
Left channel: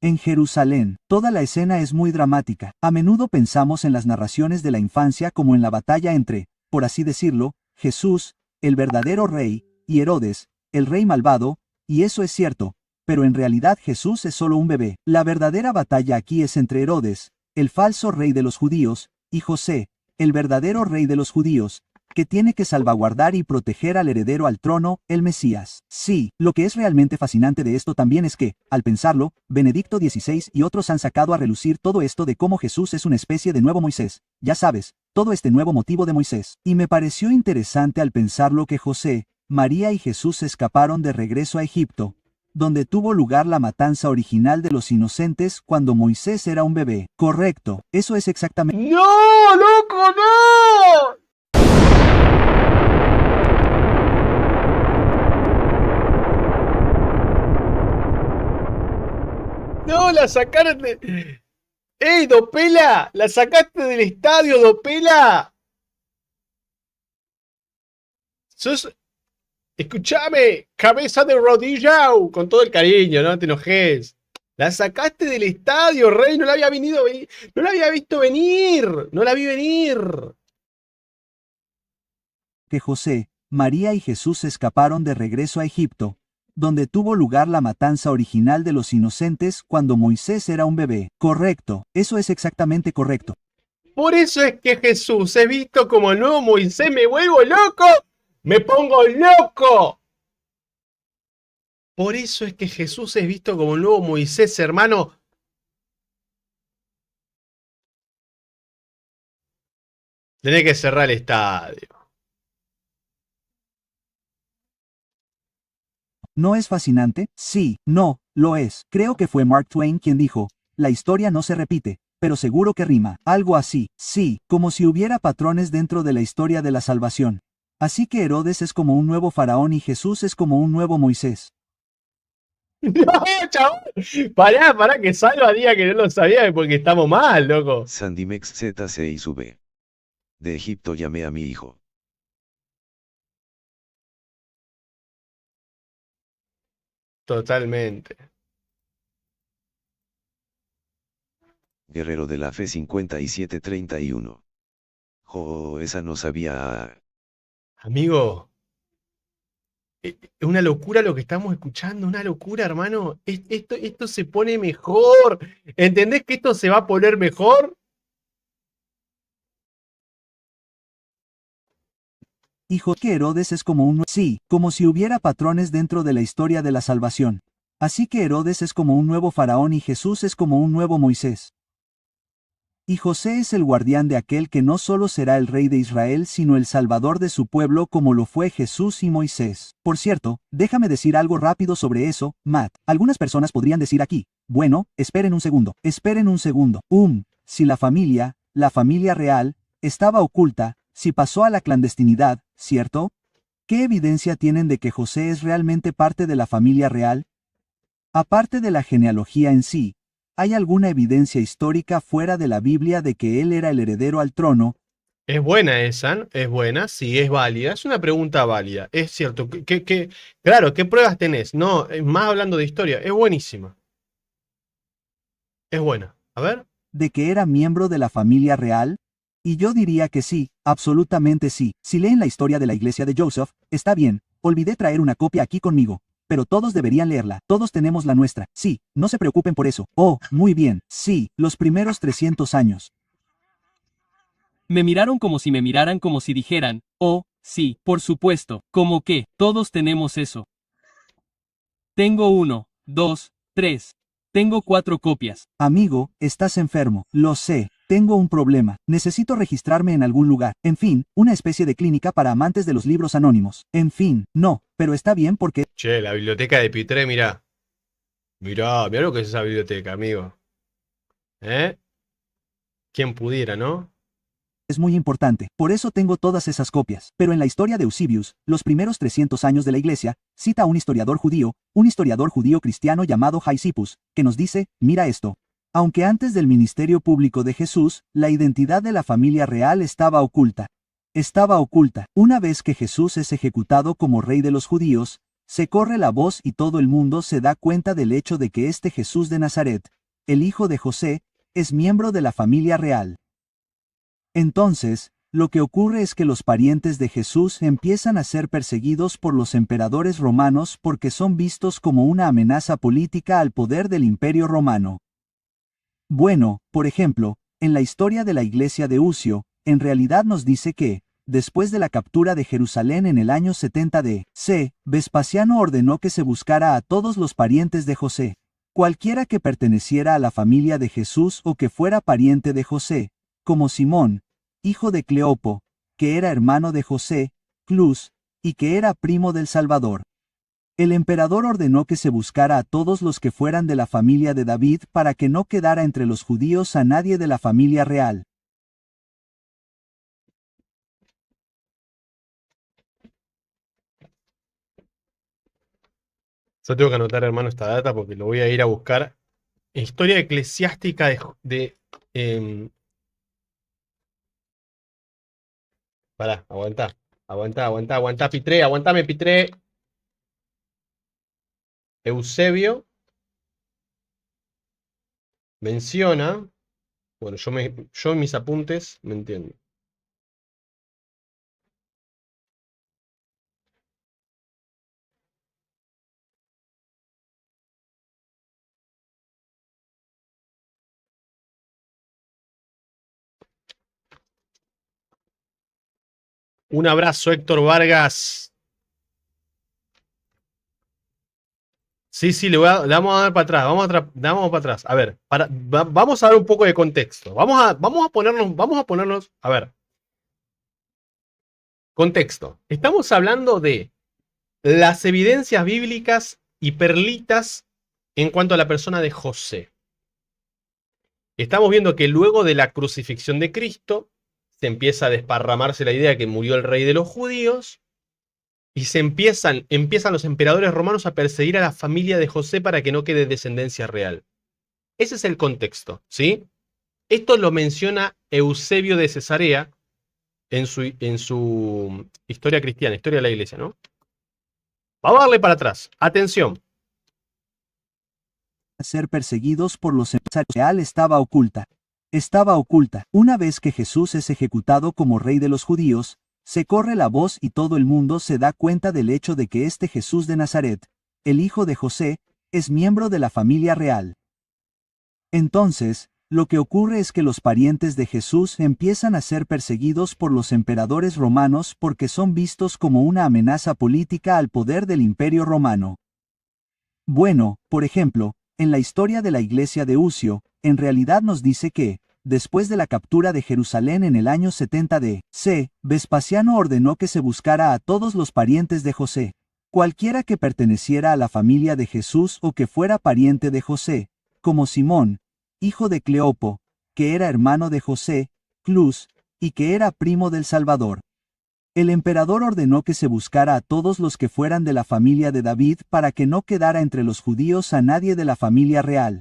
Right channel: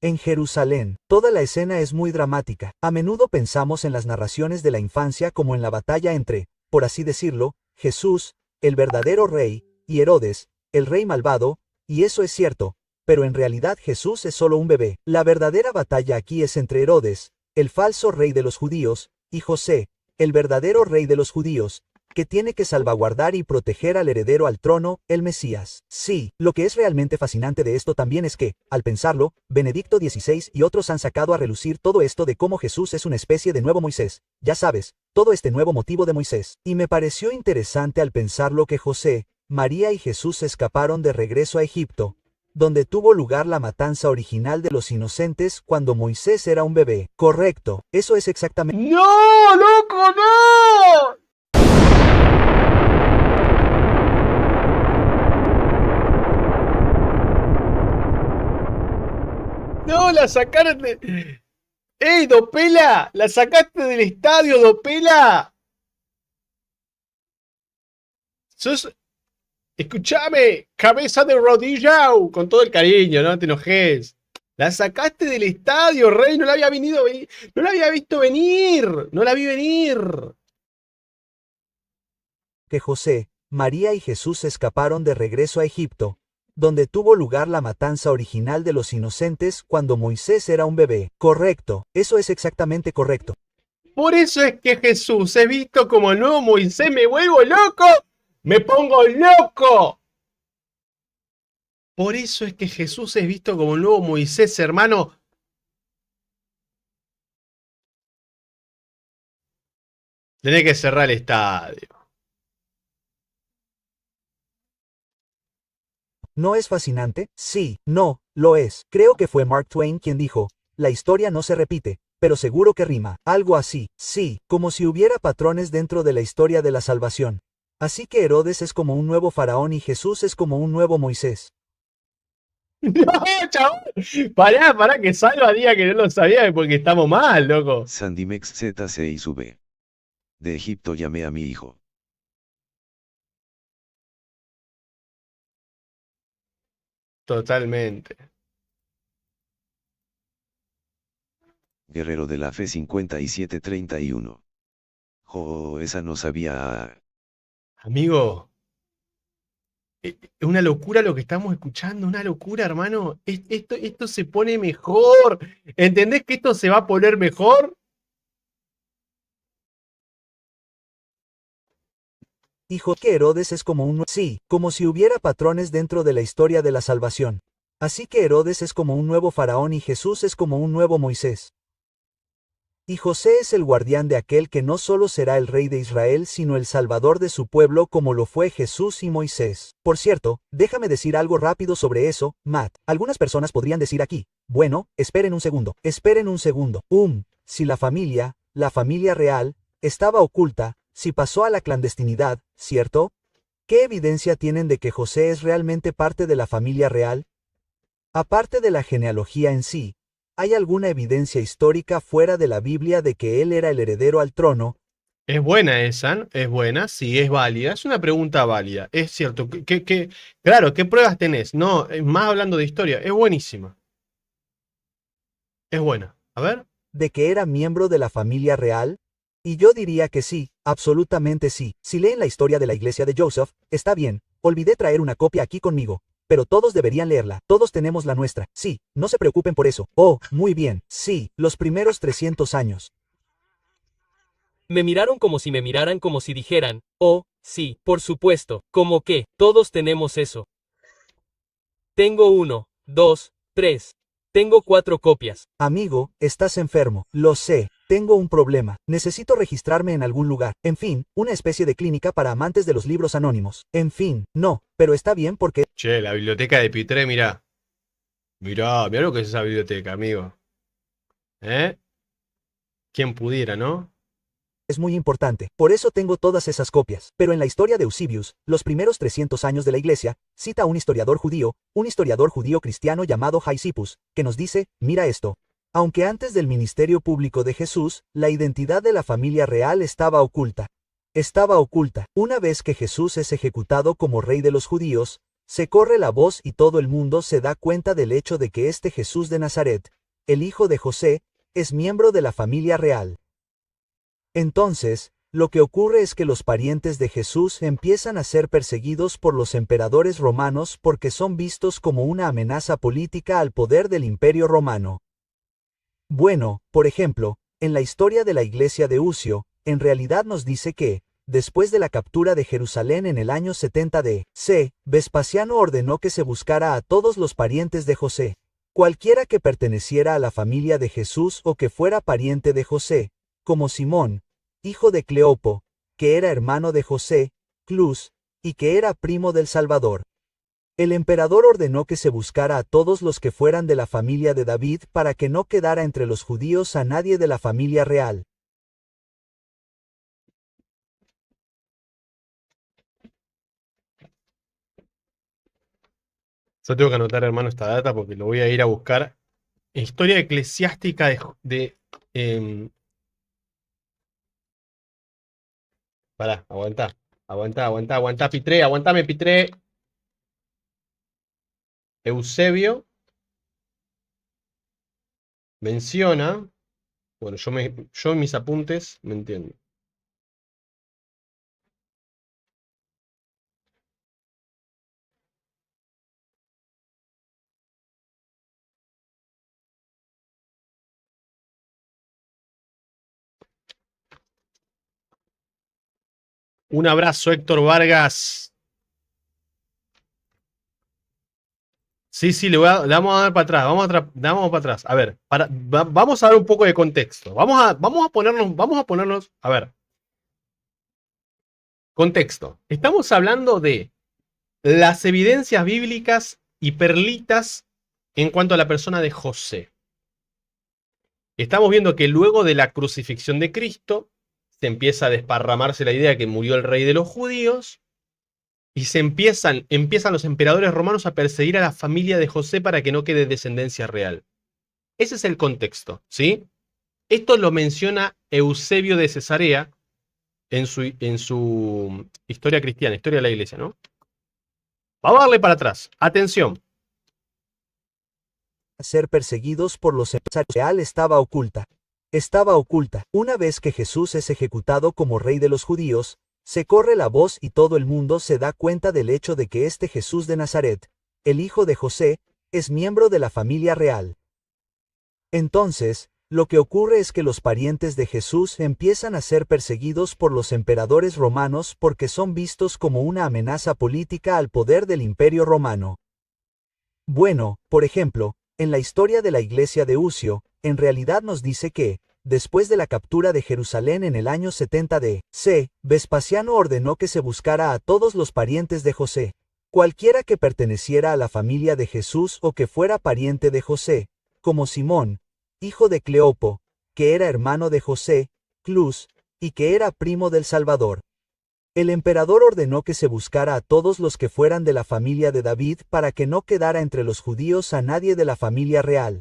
En Jerusalén, toda la escena es muy dramática. A menudo pensamos en las narraciones de la infancia como en la batalla entre, por así decirlo, Jesús, el verdadero rey, y Herodes, el rey malvado, y eso es cierto, pero en realidad Jesús es solo un bebé. La verdadera batalla aquí es entre Herodes, el falso rey de los judíos, y José, el verdadero rey de los judíos, que tiene que salvaguardar y proteger al heredero al trono, el Mesías. Sí, lo que es realmente fascinante de esto también es que, al pensarlo, Benedicto XVI y otros han sacado a relucir todo esto de cómo Jesús es una especie de nuevo Moisés, ya sabes, todo este nuevo motivo de Moisés. Y me pareció interesante al pensarlo que José, María y Jesús escaparon de regreso a Egipto, donde tuvo lugar la matanza original de los inocentes cuando Moisés era un bebé. Correcto, eso es exactamente. ¡No, loco, no! No, la sacaron de. ¡Ey, Dopela! ¡La sacaste del estadio, Dopela! ¡Sos. Escúchame! ¡Cabeza de rodilla! Con todo el cariño, no te enojes. La sacaste del estadio, Rey. No la había venido. No la había visto venir. No la vi venir. Que José, María y Jesús escaparon de regreso a Egipto, donde tuvo lugar la matanza original de los inocentes cuando Moisés era un bebé. Correcto, eso es exactamente correcto. Por eso es que Jesús es visto como el nuevo Moisés. ¡Me vuelvo loco! ¡Me pongo loco! Por eso es que Jesús es visto como el nuevo Moisés, hermano. Tenés que cerrar el estadio. ¿No es fascinante? Sí, no, lo es. Creo que fue Mark Twain quien dijo, la historia no se repite, pero seguro que rima. Algo así, sí, como si hubiera patrones dentro de la historia de la salvación. Así que Herodes es como un nuevo faraón y Jesús es como un nuevo Moisés. No, chabón. Pará, que Salva diga que no lo sabía porque estamos mal, loco. Sandimex ZC y sube. De Egipto llamé a mi hijo. Totalmente. Guerrero de la Fe 5731. Jo, esa no sabía. Amigo, es una locura lo que estamos escuchando, una locura, hermano. Esto se pone mejor. ¿Entendés que esto se va a poner mejor? Hijo que Herodes es como un... Sí, como si hubiera patrones dentro de la historia de la salvación. Así que Herodes es como un nuevo faraón y Jesús es como un nuevo Moisés. Y José es el guardián de aquel que no solo será el rey de Israel sino el salvador de su pueblo como lo fue Jesús y Moisés. Por cierto, déjame decir algo rápido sobre eso, Matt. Algunas personas podrían decir aquí, bueno, esperen un segundo, si la familia real, estaba oculta, si pasó a la clandestinidad, ¿cierto? ¿Qué evidencia tienen de que José es realmente parte de la familia real? Aparte de la genealogía en sí, ¿hay alguna evidencia histórica fuera de la Biblia de que él era el heredero al trono? Es buena esa, ¿no? Es buena, sí, es válida. Es una pregunta válida. Es cierto. Claro, ¿qué pruebas tenés? No, más hablando de historia. Es buenísima. Es buena. A ver. ¿De que era miembro de la familia real? Y yo diría que sí, absolutamente sí. Si leen la historia de la iglesia de Joseph, está bien, olvidé traer una copia aquí conmigo. Pero todos deberían leerla, todos tenemos la nuestra. Sí, no se preocupen por eso. Oh, muy bien, sí, los primeros 300 años. Me miraron como si me miraran como si dijeran, oh, sí, por supuesto, como que, todos tenemos eso. Tengo 1, 2, 3. Tengo 4 copias. Amigo, estás enfermo, lo sé, tengo un problema, necesito registrarme en algún lugar, en fin, una especie de clínica para amantes de los libros anónimos, en fin, no, pero está bien porque Che, la biblioteca de Pitré, mirá. Mirá lo que es esa biblioteca, amigo. ¿Eh? ¿Quién pudiera, no? es muy importante, por eso tengo todas esas copias. Pero en la historia de Eusebius, los primeros 300 años de la iglesia, cita a un historiador judío cristiano llamado Jaisipus, que nos dice, mira esto. Aunque antes del ministerio público de Jesús, la identidad de la familia real estaba oculta. Estaba oculta. Una vez que Jesús es ejecutado como rey de los judíos, se corre la voz y todo el mundo se da cuenta del hecho de que este Jesús de Nazaret, el hijo de José, es miembro de la familia real. Entonces, lo que ocurre es que los parientes de Jesús empiezan a ser perseguidos por los emperadores romanos porque son vistos como una amenaza política al poder del Imperio Romano. Bueno, por ejemplo, en la historia de la iglesia de Ucio, en realidad nos dice que, después de la captura de Jerusalén en el año 70 d.C., Vespasiano ordenó que se buscara a todos los parientes de José. Cualquiera que perteneciera a la familia de Jesús o que fuera pariente de José, como Simón, hijo de Cleopo, que era hermano de José, Clus, y que era primo del Salvador. El emperador ordenó que se buscara a todos los que fueran de la familia de David para que no quedara entre los judíos a nadie de la familia real. Yo tengo que anotar, hermano, esta data porque lo voy a ir a buscar. Historia eclesiástica em, pará, aguantá. Aguantá, Pitré, aguantame, Pitré. Eusebio menciona. Bueno, yo en mis apuntes me entiendo. Un abrazo, Héctor Vargas. Sí, sí, le vamos a dar para atrás, vamos para atrás. A ver, vamos a dar un poco de contexto. Vamos a ponernos, a ver. Contexto. Estamos hablando de las evidencias bíblicas y perlitas en cuanto a la persona de José. Estamos viendo que luego de la crucifixión de Cristo, se empieza a desparramarse la idea de que murió el rey de los judíos, y empiezan los emperadores romanos a perseguir a la familia de José para que no quede descendencia real. Ese es el contexto, ¿sí? Esto lo menciona Eusebio de Cesarea en su historia cristiana, historia de la iglesia, ¿no? Vamos a darle para atrás. Atención. Ser perseguidos por los empresarios real estaba oculta. estaba oculta. Una vez que Jesús es ejecutado como rey de los judíos, se corre la voz y todo el mundo se da cuenta del hecho de que este Jesús de Nazaret, el hijo de José, es miembro de la familia real. Entonces, lo que ocurre es que los parientes de Jesús empiezan a ser perseguidos por los emperadores romanos porque son vistos como una amenaza política al poder del Imperio Romano. Bueno, por ejemplo, en la historia de la iglesia de Ucio, en realidad nos dice que, después de la captura de Jerusalén en el año 70 d.C., Vespasiano ordenó que se buscara a todos los parientes de José. Cualquiera que perteneciera a la familia de Jesús o que fuera pariente de José, como Simón, hijo de Cleopo, que era hermano de José, Clus, y que era primo del Salvador. El emperador ordenó que se buscara a todos los que fueran de la familia de David para que no quedara entre los judíos a nadie de la familia real.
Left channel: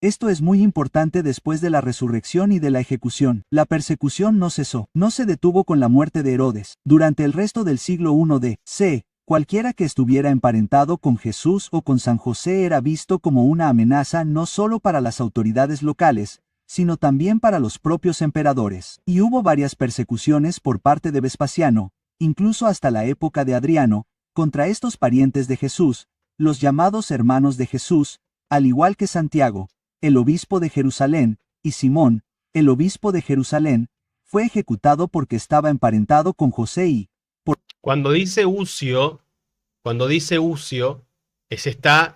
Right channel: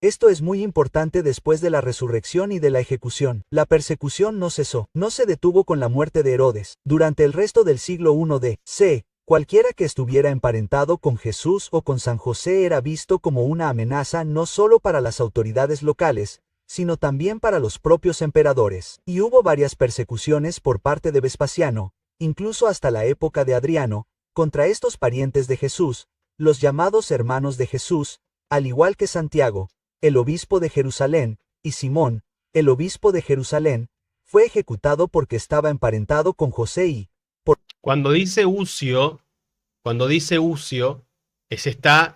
Esto es muy importante después de la resurrección y de la ejecución. La persecución no cesó, no se detuvo con la muerte de Herodes. Durante el resto del siglo I d.C., cualquiera que estuviera emparentado con Jesús o con San José era visto como una amenaza no solo para las autoridades locales, sino también para los propios emperadores. Y hubo varias persecuciones por parte de Vespasiano, incluso hasta la época de Adriano, contra estos parientes de Jesús, los llamados hermanos de Jesús, al igual que Santiago, el obispo de Jerusalén, y Simón, el obispo de Jerusalén, fue ejecutado porque estaba emparentado con José y, Cuando dice Ucio, se está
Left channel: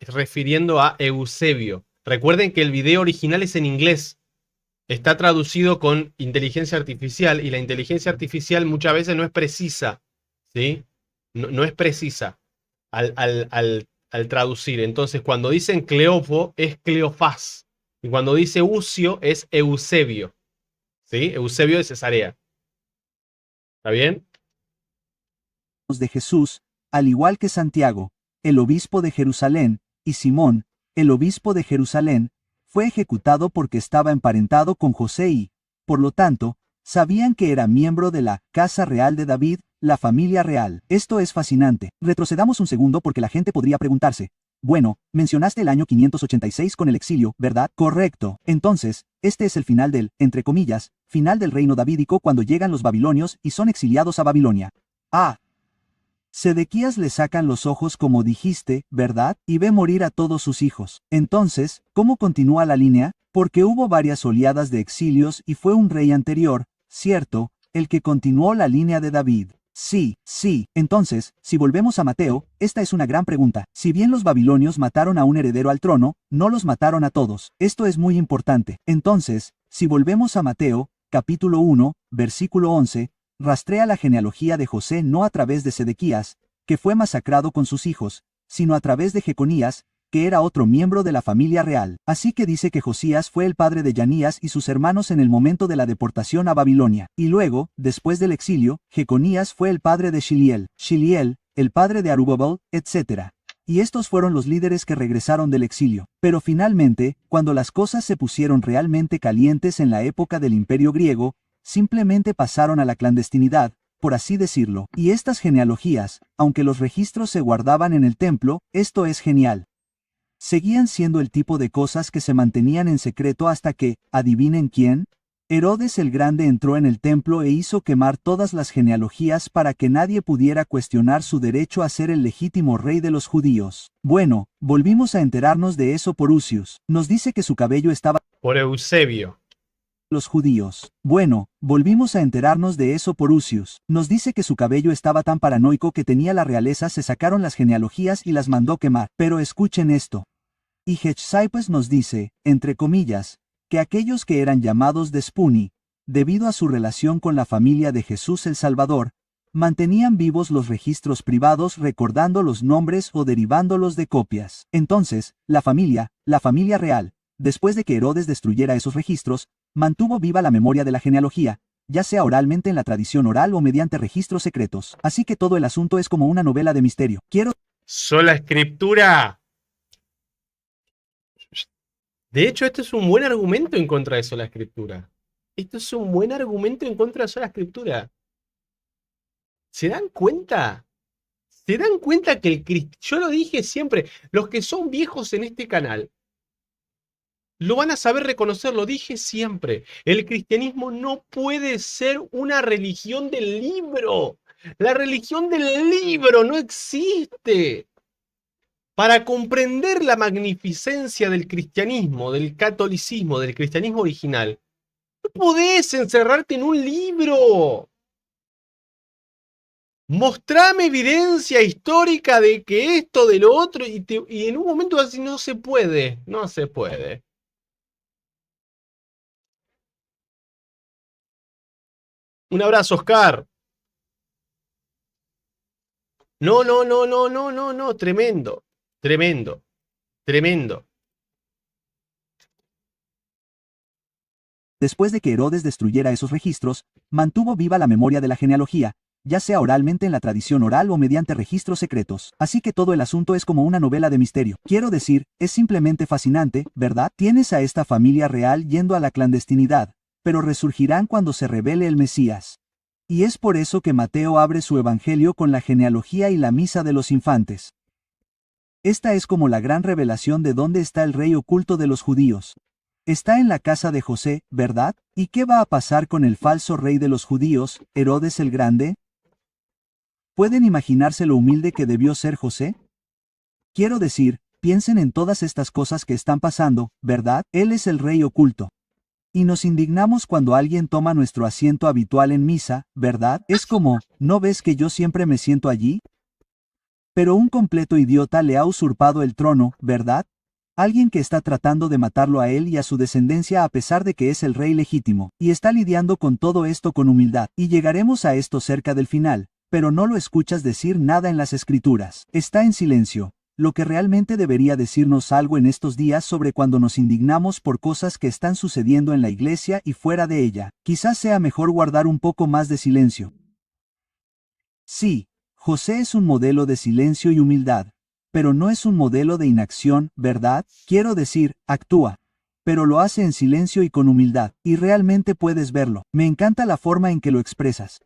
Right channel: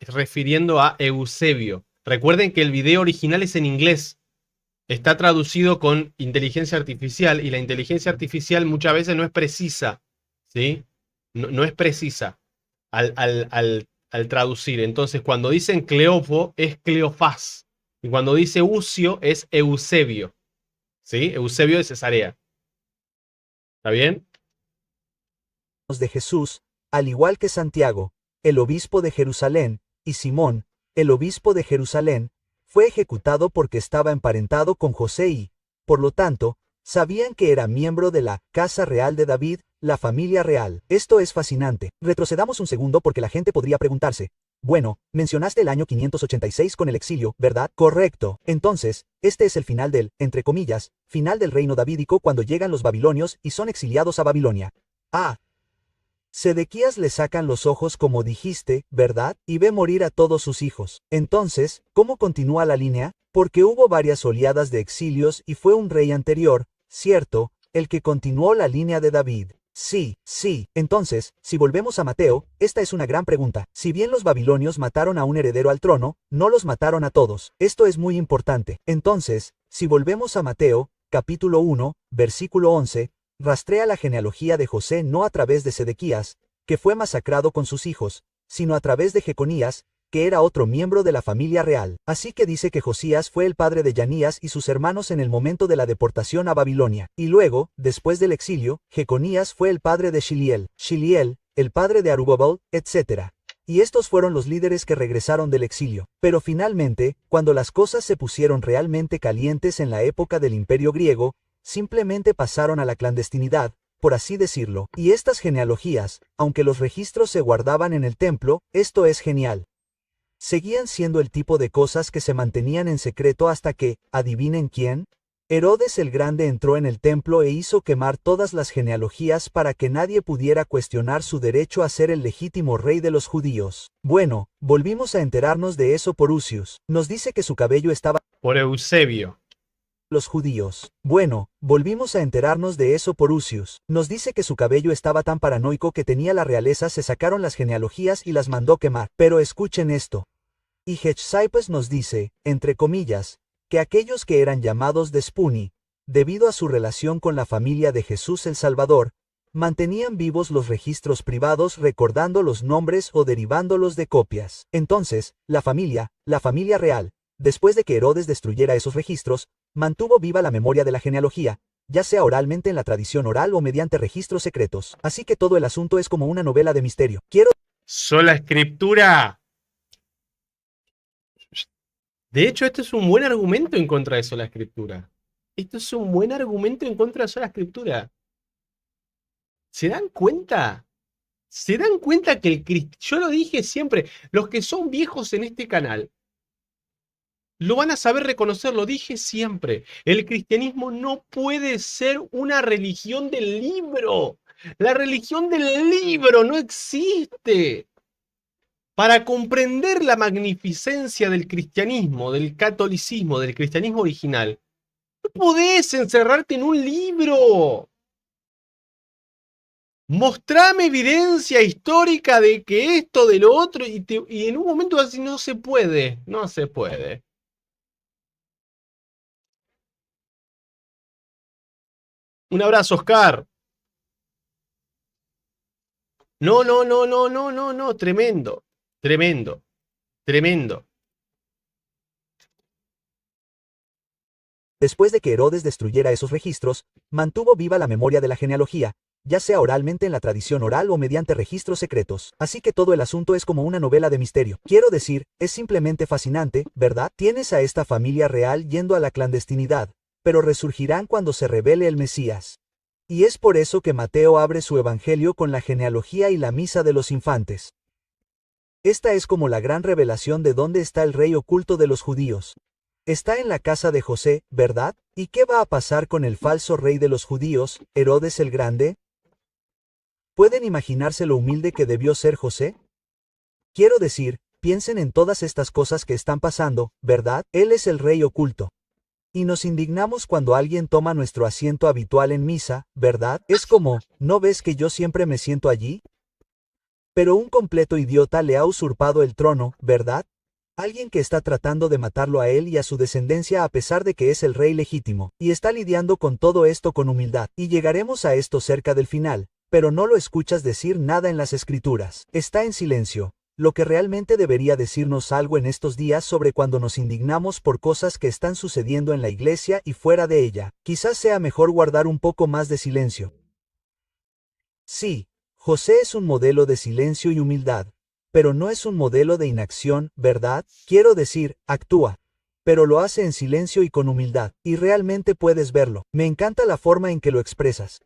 refiriendo a Eusebio. Recuerden que el video original es en inglés. Está traducido con inteligencia artificial y la inteligencia artificial muchas veces no es precisa, ¿sí? No es precisa al traducir. Entonces, cuando dicen Cleofo es Cleofás. Y cuando dice Ucio es Eusebio, ¿sí? Eusebio de Cesarea. ¿Está bien? de Jesús, al igual que Santiago, el obispo de Jerusalén, y Simón, el obispo de Jerusalén, fue ejecutado porque estaba emparentado con José y, por lo tanto, sabían que era miembro de la casa real de David, la familia real. Esto es fascinante. Retrocedamos un segundo porque la gente podría preguntarse. Bueno, mencionaste el año 586 con el exilio, ¿verdad? Correcto. Entonces, este es el final del, entre comillas, final del reino davídico cuando llegan los babilonios y son exiliados a Babilonia. Ah. Sedequías le sacan los ojos como dijiste, ¿verdad? Y ve morir a todos sus hijos. Entonces, ¿cómo continúa la línea? Porque hubo varias oleadas de exilios y fue un rey anterior, cierto, el que continuó la línea de David. Sí, sí. Entonces, si volvemos a Mateo, esta es una gran pregunta. Si bien los babilonios mataron a un heredero al trono, no los mataron a todos. Esto es muy importante. Entonces, si volvemos a Mateo, capítulo 1, versículo 11, rastrea la genealogía de José no a través de Sedequías, que fue masacrado con sus hijos, sino a través de Jeconías, que era otro miembro de la familia real. Así que dice que Josías fue el padre de Yanías y sus hermanos en el momento de la deportación a Babilonia. Y luego, después del exilio, Jeconías fue el padre de Shiliel, el padre de Arubabal, etc. Y estos fueron los líderes que regresaron del exilio. Pero finalmente, cuando las cosas se pusieron realmente calientes en la época del Imperio griego, simplemente pasaron a la clandestinidad, por así decirlo. Y estas genealogías, aunque los registros se guardaban en el templo, esto es genial. Seguían siendo el tipo de cosas que se mantenían en secreto hasta que, ¿adivinen quién? Herodes el Grande entró en el templo e hizo quemar todas las genealogías para que nadie pudiera cuestionar su derecho a ser el legítimo rey de los judíos. Bueno, volvimos a enterarnos de eso por Ucius. Nos dice que su cabello estaba... Por Eusebio. Los judíos. Bueno, volvimos a enterarnos de eso por Ucius. Nos dice que su cabello estaba tan paranoico que tenía la realeza, se sacaron las genealogías y las mandó quemar. Pero escuchen esto. Y Hechsaipes nos dice, entre comillas, que aquellos que eran llamados Despuni, debido a su relación con la familia de Jesús el Salvador, mantenían vivos los registros privados recordando los nombres o derivándolos de copias. Entonces, la familia real, después de que Herodes destruyera esos registros, mantuvo viva la memoria de la genealogía, ya sea oralmente en la tradición oral o mediante registros secretos. Así que todo el asunto es como una novela de misterio. Sola Escritura. De hecho, esto es un buen argumento en contra de Sola Escritura. Esto es un buen argumento en contra de Sola Escritura. ¿Se dan cuenta? ¿Se dan cuenta que el cristiano... Yo lo dije siempre, los que son viejos en este canal Lo van a saber reconocer, lo dije siempre. El cristianismo no puede ser una religión del libro. La religión del libro no existe. Para comprender la magnificencia del cristianismo, del catolicismo, del cristianismo original, no podés encerrarte en un libro. Mostrame evidencia histórica de que esto, de lo otro, y en un momento así no se puede, no se puede. Un abrazo, Oscar. No, no, no, no, no, no, no, tremendo, tremendo, tremendo. Después de que Herodes destruyera esos registros, mantuvo viva la memoria de la genealogía, ya sea oralmente en la tradición oral o mediante registros secretos. Así que todo el asunto es como una novela de misterio. Quiero decir, es simplemente fascinante, ¿verdad? Tienes a esta familia real yendo a la clandestinidad, pero resurgirán cuando se revele el Mesías. Y es por eso que Mateo abre su evangelio con la genealogía y la misa de los infantes. Esta es como la gran revelación de dónde está el rey oculto de los judíos. Está en la casa de José, ¿verdad? ¿Y qué va a pasar con el falso rey de los judíos, Herodes el Grande? ¿Pueden imaginarse lo humilde que debió ser José? Quiero decir, piensen en todas estas cosas que están pasando, ¿verdad? Él es el rey oculto. Y nos indignamos cuando alguien toma nuestro asiento habitual en misa, ¿verdad? Es como, ¿no ves que yo siempre me siento allí? Pero un completo idiota le ha usurpado el trono, ¿verdad? Alguien que está tratando de matarlo a él y a su descendencia a pesar de que es el rey legítimo, y está lidiando con todo esto con humildad. Y llegaremos a esto cerca del final, pero no lo escuchas decir nada en las escrituras. Está en silencio. Lo que realmente debería decirnos algo en estos días sobre cuando nos indignamos por cosas que están sucediendo en la iglesia y fuera de ella. Quizás sea mejor guardar un poco más de silencio. Sí, José es un modelo de silencio y humildad, pero no es un modelo de inacción, ¿verdad? Quiero decir, actúa, pero lo hace en silencio y con humildad, y realmente puedes verlo. Me encanta la forma en que lo expresas.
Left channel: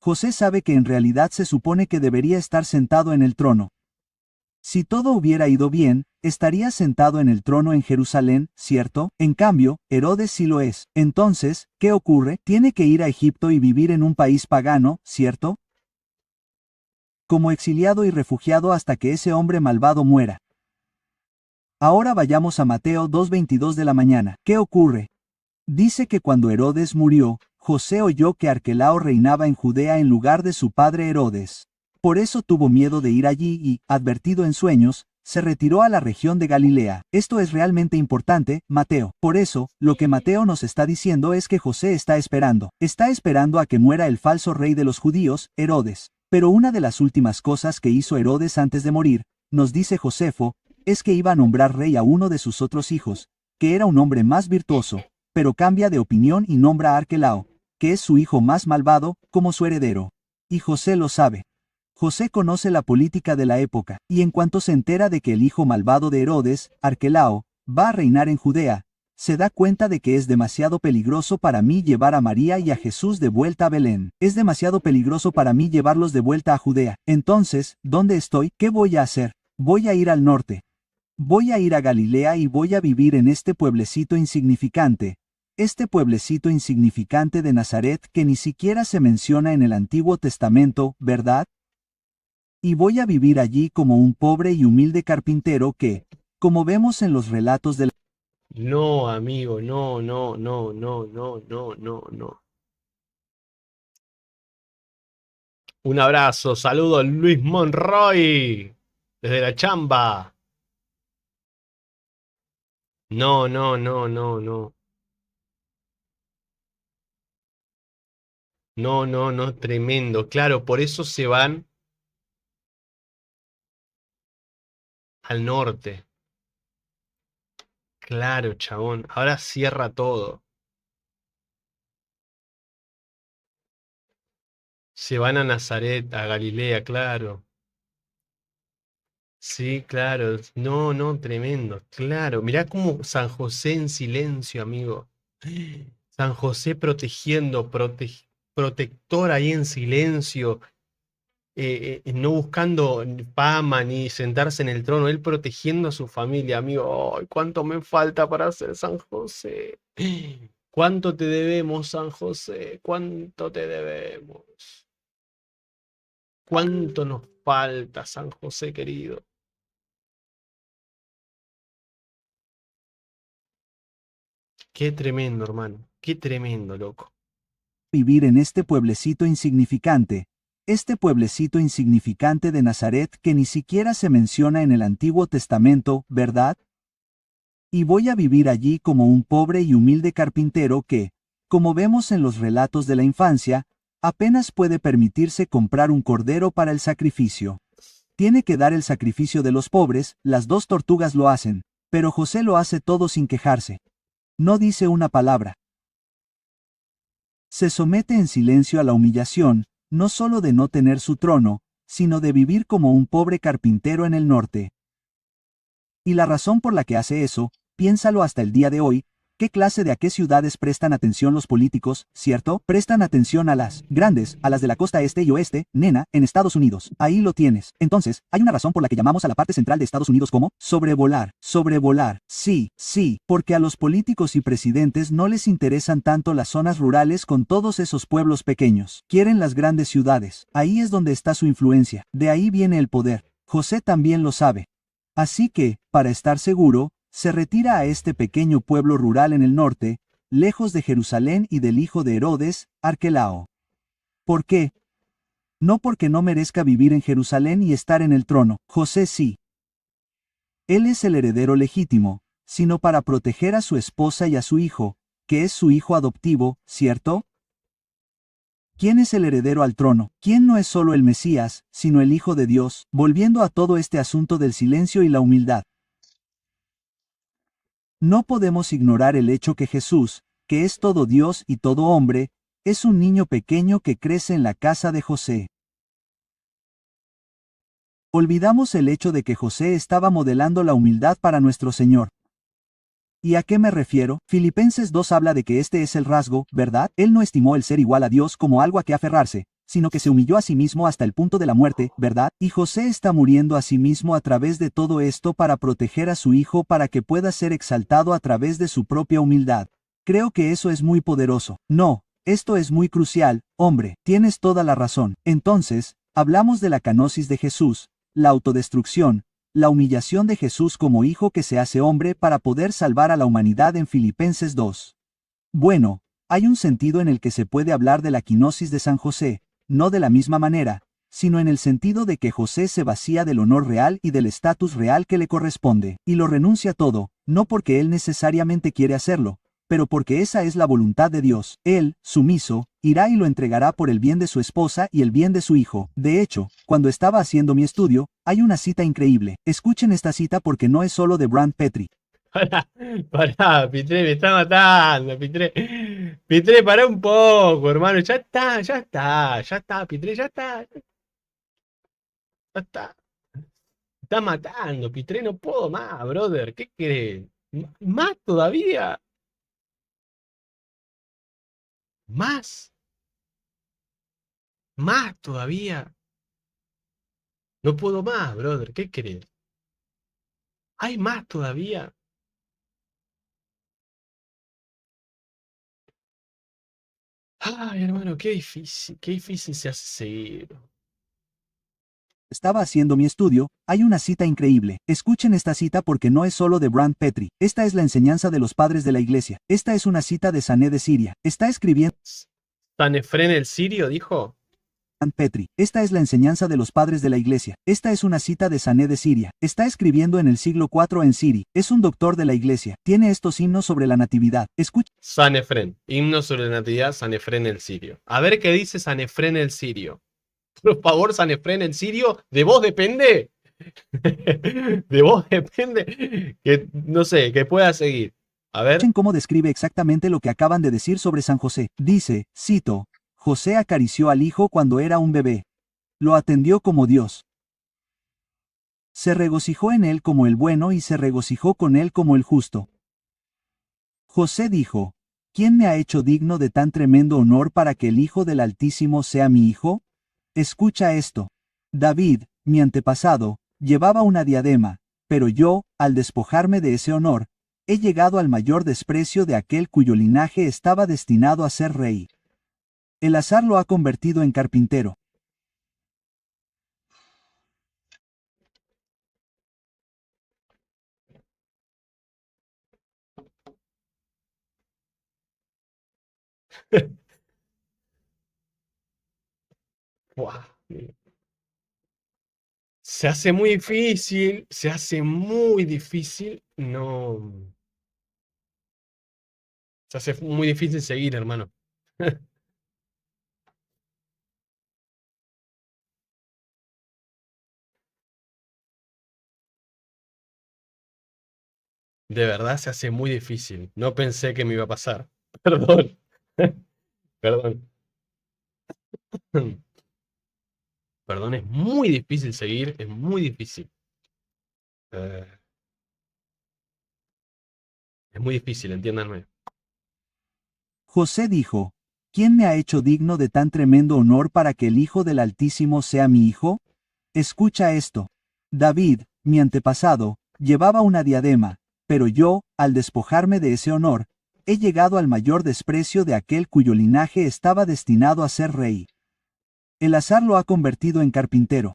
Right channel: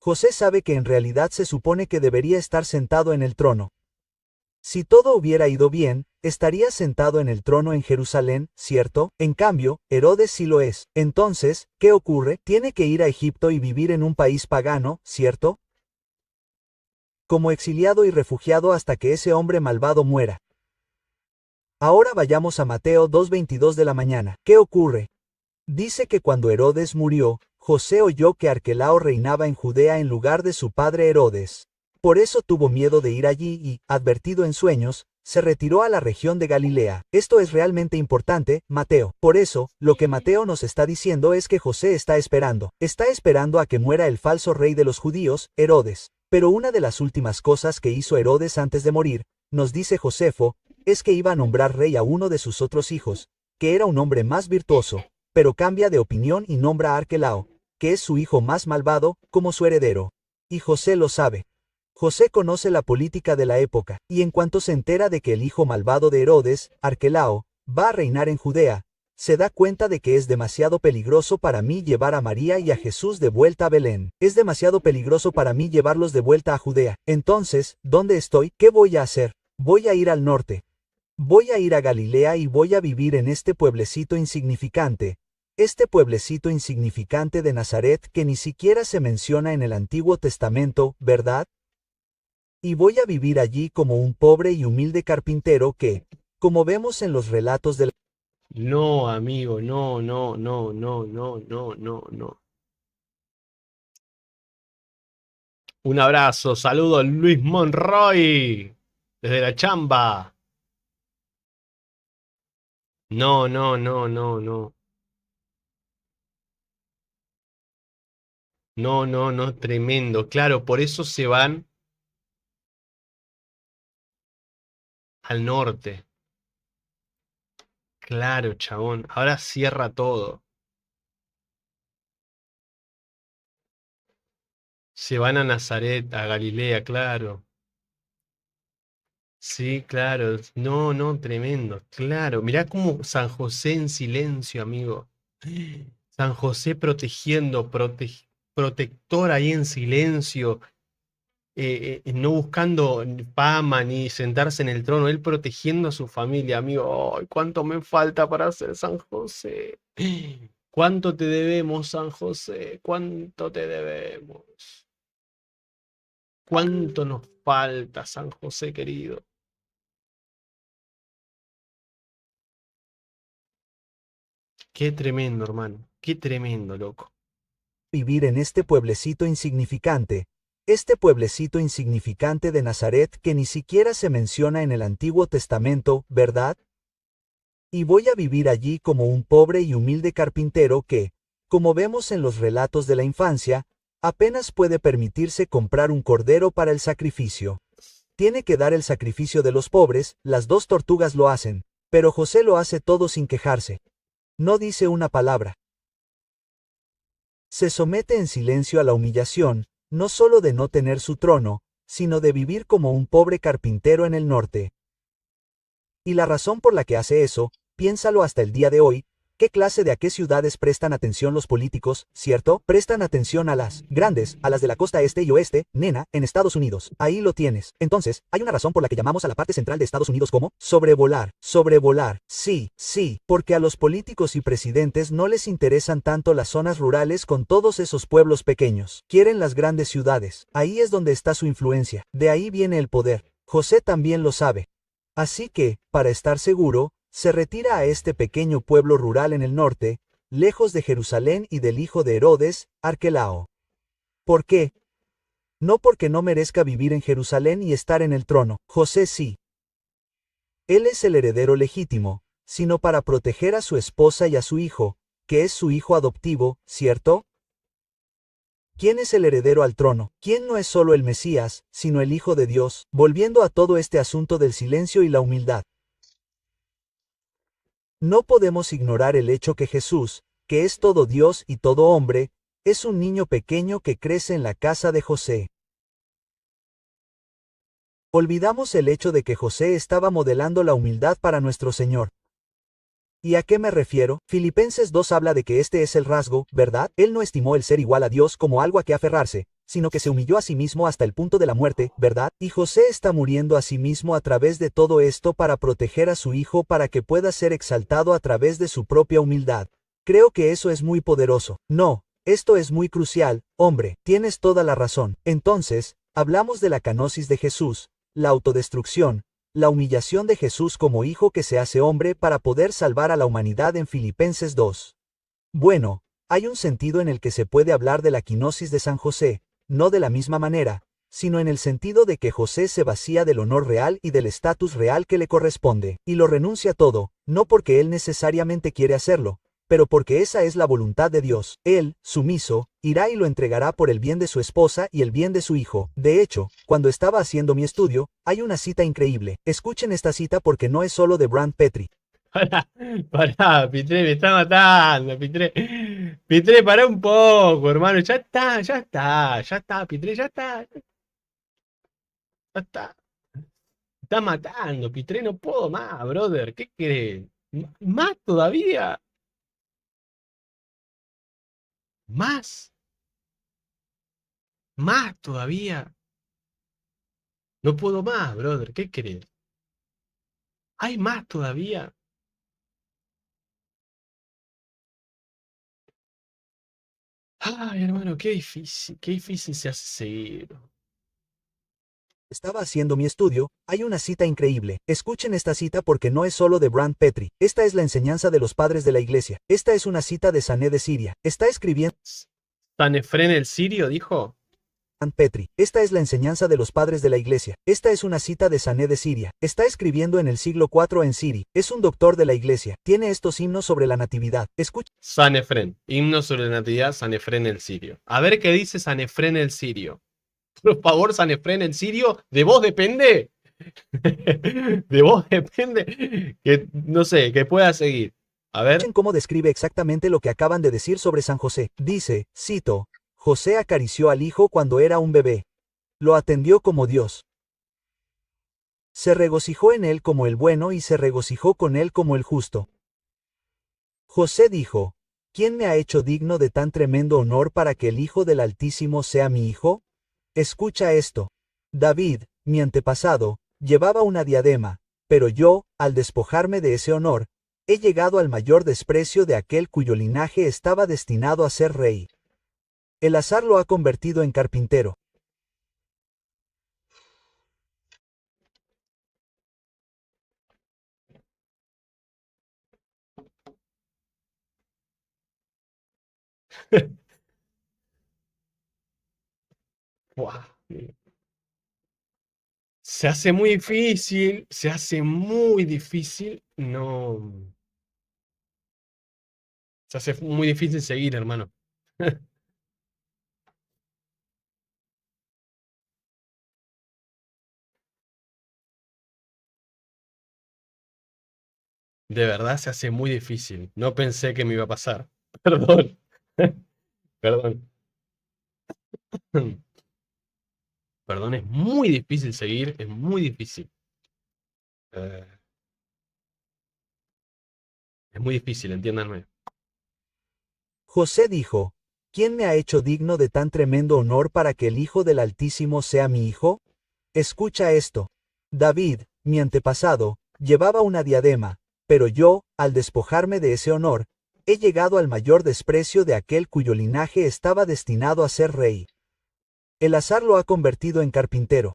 José sabe que en realidad se supone que debería estar sentado en el trono. Si todo hubiera ido bien, estaría sentado en el trono en Jerusalén, ¿cierto? En cambio, Herodes sí lo es. Entonces, ¿qué ocurre? Tiene que ir a Egipto y vivir en un país pagano, ¿cierto? Como exiliado y refugiado hasta que ese hombre malvado muera. Ahora vayamos a Mateo 2:22 de la mañana. ¿Qué ocurre? Dice que cuando Herodes murió, José oyó que Arquelao reinaba en Judea en lugar de su padre Herodes. Por eso tuvo miedo de ir allí y, advertido en sueños, se retiró a la región de Galilea. Esto es realmente importante, Mateo. Por eso, lo que Mateo nos está diciendo es que José está esperando. Está esperando a que muera el falso rey de los judíos, Herodes. Pero una de las últimas cosas que hizo Herodes antes de morir, nos dice Josefo, es que iba a nombrar rey a uno de sus otros hijos, que era un hombre más virtuoso, pero cambia de opinión y nombra a Arquelao, que es su hijo más malvado, como su heredero. Y José lo sabe. José conoce la política de la época, y en cuanto se entera de que el hijo malvado de Herodes, Arquelao, va a reinar en Judea, se da cuenta de que es demasiado peligroso para mí llevar a María y a Jesús de vuelta a Belén. Es demasiado peligroso para mí llevarlos de vuelta a Judea. Entonces, ¿dónde estoy? ¿Qué voy a hacer? Voy a ir al norte. Voy a ir a Galilea y voy a vivir en este pueblecito insignificante. Este pueblecito insignificante de Nazaret que ni siquiera se menciona en el Antiguo Testamento, ¿verdad? Y voy a vivir allí como un pobre y humilde carpintero que, como vemos en los relatos de la... No, amigo, no, no, no, no, no, no, no, no. Un abrazo, saludo a Luis Monroy, desde la chamba. No, no, no, no, no. No, no, no, tremendo. Claro, por eso se van al norte. Claro, chabón. Ahora cierra todo. Se van a Nazaret, a Galilea, claro. Sí, claro. No, no, tremendo. Claro. Mirá cómo San José en silencio, amigo. San José protegiendo, protector ahí en silencio. no buscando fama ni sentarse en el trono, él protegiendo a su familia, amigo. ¡Ay, cuánto me falta para ser San José! ¿Cuánto te debemos, San José? ¿Cuánto te debemos? ¿Cuánto nos falta, San José querido? Qué tremendo, hermano. Qué tremendo, loco. Vivir en este pueblecito insignificante de Nazaret que ni siquiera se menciona en el Antiguo Testamento, ¿verdad? Y voy a vivir allí como un pobre y humilde carpintero que, como vemos en los relatos de la infancia, apenas puede permitirse comprar un cordero para el sacrificio. Tiene que dar el sacrificio de los pobres, las dos tortugas lo hacen, pero José lo hace todo sin quejarse. No dice una palabra. Se somete en silencio a la humillación, no solo de no tener su trono, sino de vivir como un pobre carpintero en el norte. Y la razón por la que hace eso, piénsalo hasta el día de hoy, ¿qué clase de a qué ciudades prestan atención los políticos, cierto? Prestan atención a las grandes, a las de la costa este y oeste, nena, en Estados Unidos. Ahí lo tienes. Entonces, hay una razón por la que llamamos a la parte central de Estados Unidos como sobrevolar, sobrevolar. Sí, sí, porque a los políticos y presidentes no les interesan tanto las zonas rurales con todos esos pueblos pequeños. Quieren las grandes ciudades. Ahí es donde está su influencia. De ahí viene el poder. José también lo sabe. Así que, para estar seguro, se retira a este pequeño pueblo rural en el norte, lejos de Jerusalén y del hijo de Herodes, Arquelao. ¿Por qué? No porque no merezca vivir en Jerusalén y estar en el trono, José sí. Él es el heredero legítimo, sino para proteger a su esposa y a su hijo, que es su hijo adoptivo, ¿cierto? ¿Quién es el heredero al trono? ¿Quién no es solo el Mesías, sino el Hijo de Dios? Volviendo a todo este asunto del silencio y la humildad. No podemos ignorar el hecho que Jesús, que es todo Dios y todo hombre, es un niño pequeño que crece en la casa de José. Olvidamos el hecho de que José estaba modelando la humildad para nuestro Señor. ¿Y a qué me refiero? Filipenses 2 habla de que este es el rasgo, ¿verdad? Él no estimó el ser igual a Dios como algo a que aferrarse, sino que se humilló a sí mismo hasta el punto de la muerte, ¿verdad? Y José está muriendo a sí mismo a través de todo esto para proteger a su hijo para que pueda ser exaltado a través de su propia humildad. Creo que eso es muy poderoso. No, esto es muy crucial, hombre, tienes toda la razón. Entonces, hablamos de la kenosis de Jesús, la autodestrucción, la humillación de Jesús como hijo que se hace hombre para poder salvar a la humanidad en Filipenses 2. Bueno, hay un sentido en el que se puede hablar de la kenosis de San José, no de la misma manera, sino en el sentido de que José se vacía del honor real y del estatus real que le corresponde, y lo renuncia todo, no porque él necesariamente quiere hacerlo, pero porque esa es la voluntad de Dios. Él, sumiso, irá y lo entregará por el bien de su esposa y el bien de su hijo. De hecho, cuando estaba haciendo mi estudio, hay una cita increíble. Escuchen esta cita porque no es solo de Brand Petrie. Pará, Pitré, me está matando, Pitré. Pitré, pará un poco, hermano. Ya está, ya está, ya está, Pitré, ya está. Ya está. Me está matando, Pitré, no puedo más, brother. ¿Qué crees? ¿Más todavía? ¿Más? ¿Más todavía? No puedo más, brother. ¿Qué crees? ¿Hay más todavía? Ay, hermano, qué difícil se hace seguir. Estaba haciendo mi estudio, hay una cita increíble. Escuchen esta cita porque no es solo de Brand Petrie. Esta es la enseñanza de los padres de la iglesia. Esta es una cita de Sané de Siria. Está escribiendo ¿Sanefrén el sirio dijo? Brand Petrie. Esta es la enseñanza de los padres de la iglesia. Esta es una cita de Sané de Siria. Está escribiendo en el siglo IV en Siri. Es un doctor de la iglesia. Tiene estos himnos sobre la natividad. Escuchen. Sanefrén. Himno sobre la natividad, Sanefrén el sirio. A ver qué dice Sanefrén el sirio. Por favor, Sanefrén el sirio, ¿de vos depende? De vos depende que, no sé, que pueda seguir. A ver. Escuchen cómo describe exactamente lo que acaban de decir sobre San José. Dice, cito, José acarició al hijo cuando era un bebé. Lo atendió como Dios. Se regocijó en él como el bueno y se regocijó con él como el justo. José dijo, ¿quién me ha hecho digno de tan tremendo honor para que el Hijo del Altísimo sea mi hijo? Escucha esto. David, mi antepasado, llevaba una diadema, pero yo, al despojarme de ese honor, he llegado al mayor desprecio de aquel cuyo linaje estaba destinado a ser rey. El azar lo ha convertido en carpintero. Buah. Se hace muy difícil, se hace muy difícil. No. Se hace muy difícil seguir, hermano. De verdad se hace muy difícil. No pensé que me iba a pasar. Perdón. Perdón. Perdón, es muy difícil seguir, es muy difícil. Eh, es muy difícil, entiéndanme. José dijo, ¿quién me ha hecho digno de tan tremendo honor para que el Hijo del Altísimo sea mi hijo? Escucha esto. David, mi antepasado, llevaba una diadema, pero yo, al despojarme de ese honor, he llegado al mayor desprecio de aquel cuyo linaje estaba destinado a ser rey. El azar lo ha convertido en carpintero.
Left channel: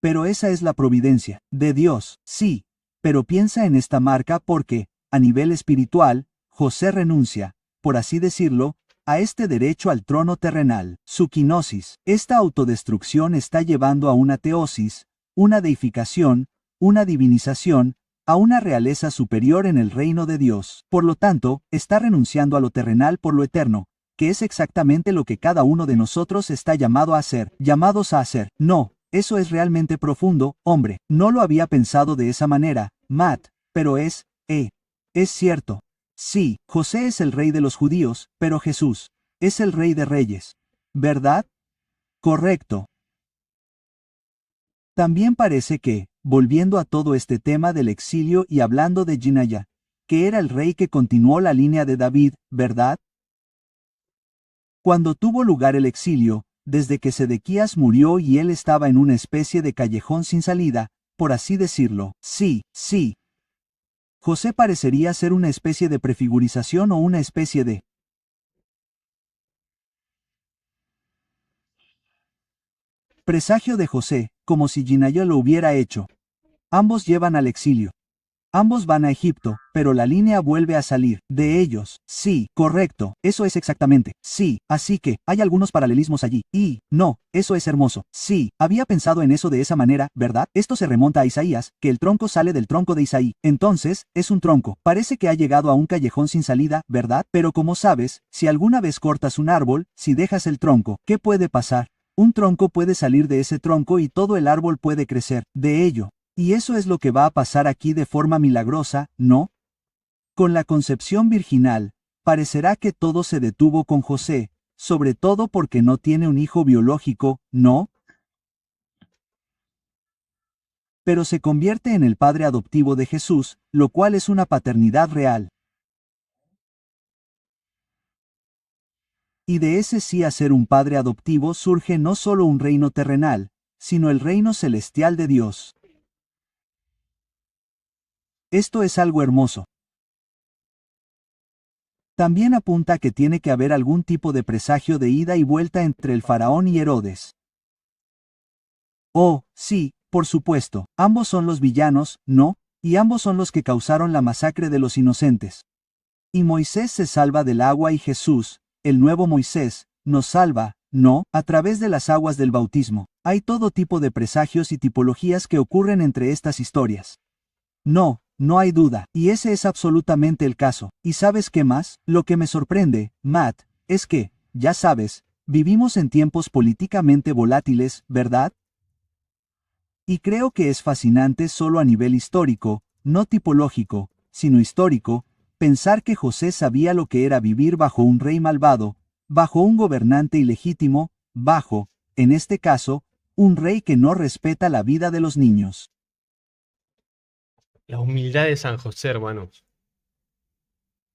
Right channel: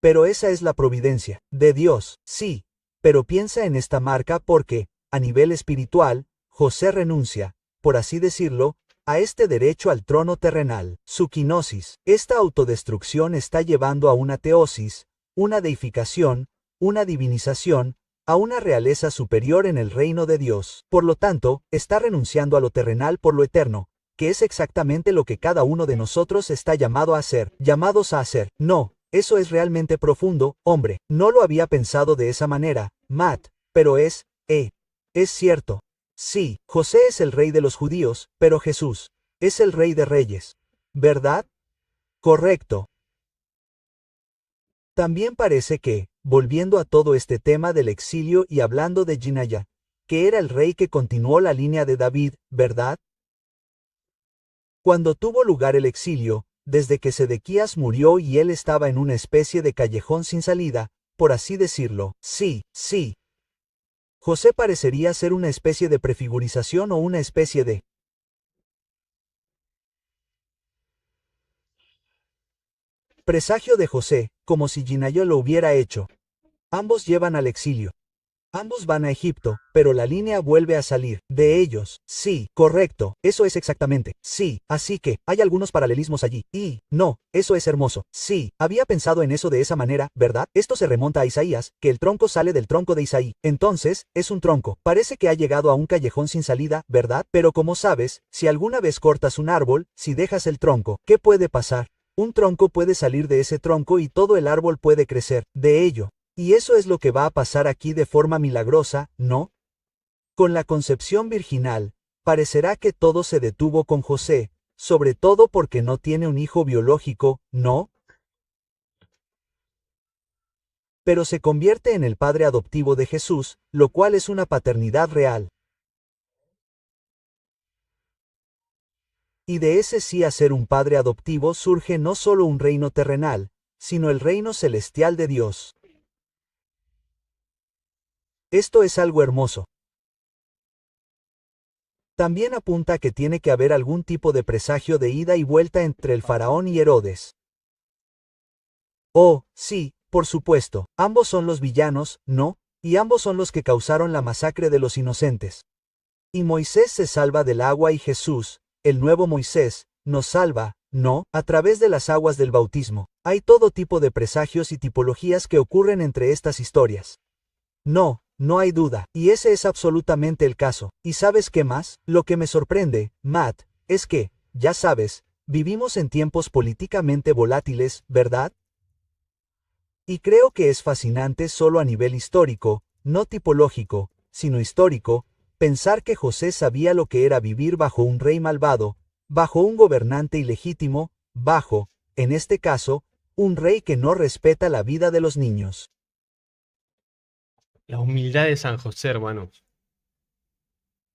Pero esa es la providencia de Dios, sí. Pero piensa en esta marca porque, a nivel espiritual, José renuncia, por así decirlo, a este derecho al trono terrenal. Su quinosis, esta autodestrucción está llevando a una teosis, una deificación, una divinización, a una realeza superior en el reino de Dios. Por lo tanto, está renunciando a lo terrenal por lo eterno, que es exactamente lo que cada uno de nosotros está llamado a hacer, llamados a hacer. No, eso es realmente profundo, hombre. No lo había pensado de esa manera, Matt, pero es cierto. Sí, José es el rey de los judíos, pero Jesús es el rey de reyes. ¿Verdad? Correcto. También parece que, volviendo a todo este tema del exilio y hablando de Jinaya, que era el rey que continuó la línea de David, ¿verdad? Cuando tuvo lugar el exilio, desde que Sedequías murió y él estaba en una especie de callejón sin salida, por así decirlo. Sí, sí. José parecería ser una especie de prefigurización o una especie de presagio de José, como si Ginaya lo hubiera hecho. Ambos llevan al exilio. Ambos van a Egipto, pero la línea vuelve a salir de ellos. Sí, correcto, eso es exactamente. Sí, así que, hay algunos paralelismos allí. Y, no, eso es hermoso. Sí, había pensado en eso de esa manera, ¿verdad? Esto se remonta a Isaías, que el tronco sale del tronco de Isaí. Entonces, es un tronco. Parece que ha llegado a un callejón sin salida, ¿verdad? Pero como sabes, si alguna vez cortas un árbol, si dejas el tronco, ¿qué puede pasar? Un tronco puede salir de ese tronco y todo el árbol puede crecer de ello. Y eso es lo que va a pasar aquí de forma milagrosa, ¿no? Con la concepción virginal, parecerá que todo se detuvo con José, sobre todo porque no tiene un hijo biológico, ¿no? Pero se convierte en el padre adoptivo de Jesús, lo cual es una paternidad real. Y de ese sí a ser un padre adoptivo surge no solo un reino terrenal, sino el reino celestial de Dios. Esto es algo hermoso. También apunta que tiene que haber algún tipo de presagio de ida y vuelta entre el faraón y Herodes. Oh, sí, por supuesto, ambos son los villanos, ¿no? Y ambos son los que causaron la masacre de los inocentes. Y Moisés se salva del agua y Jesús, el nuevo Moisés, nos salva, ¿no? A través de las aguas del bautismo. Hay todo tipo de presagios y tipologías que ocurren entre estas historias. No, no hay duda, y ese es absolutamente el caso. ¿Y sabes qué más? Lo que me sorprende, Matt, es que, ya sabes, vivimos en tiempos políticamente volátiles, ¿verdad? Y creo que es fascinante solo a nivel histórico, no tipológico, sino histórico, pensar que José sabía lo que era vivir bajo un rey malvado, bajo un gobernante ilegítimo, bajo, en este caso, un rey que no respeta la vida de los niños. La humildad de San José, hermanos.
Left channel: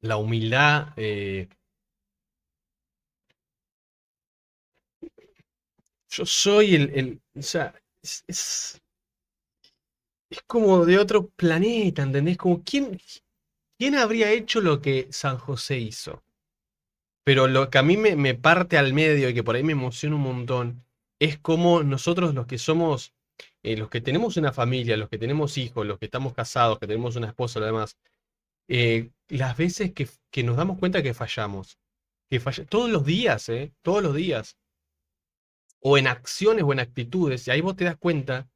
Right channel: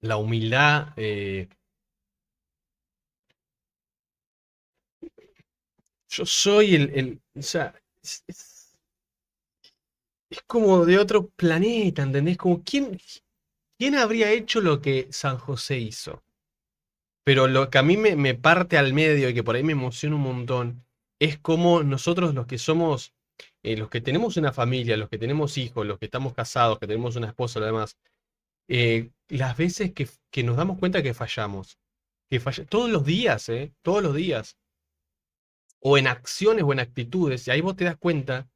La humildad yo soy o sea, es como de otro planeta, ¿entendés? Como, ¿quién habría hecho lo que San José hizo? Pero lo que a mí me parte al medio y que por ahí me emociona un montón, es como nosotros los que somos, los que tenemos una familia, los que tenemos hijos, los que estamos casados, que tenemos una esposa, lo demás, las veces que nos damos cuenta que fallamos, todos los días, todos los días, o en acciones o en actitudes, y ahí vos te das cuenta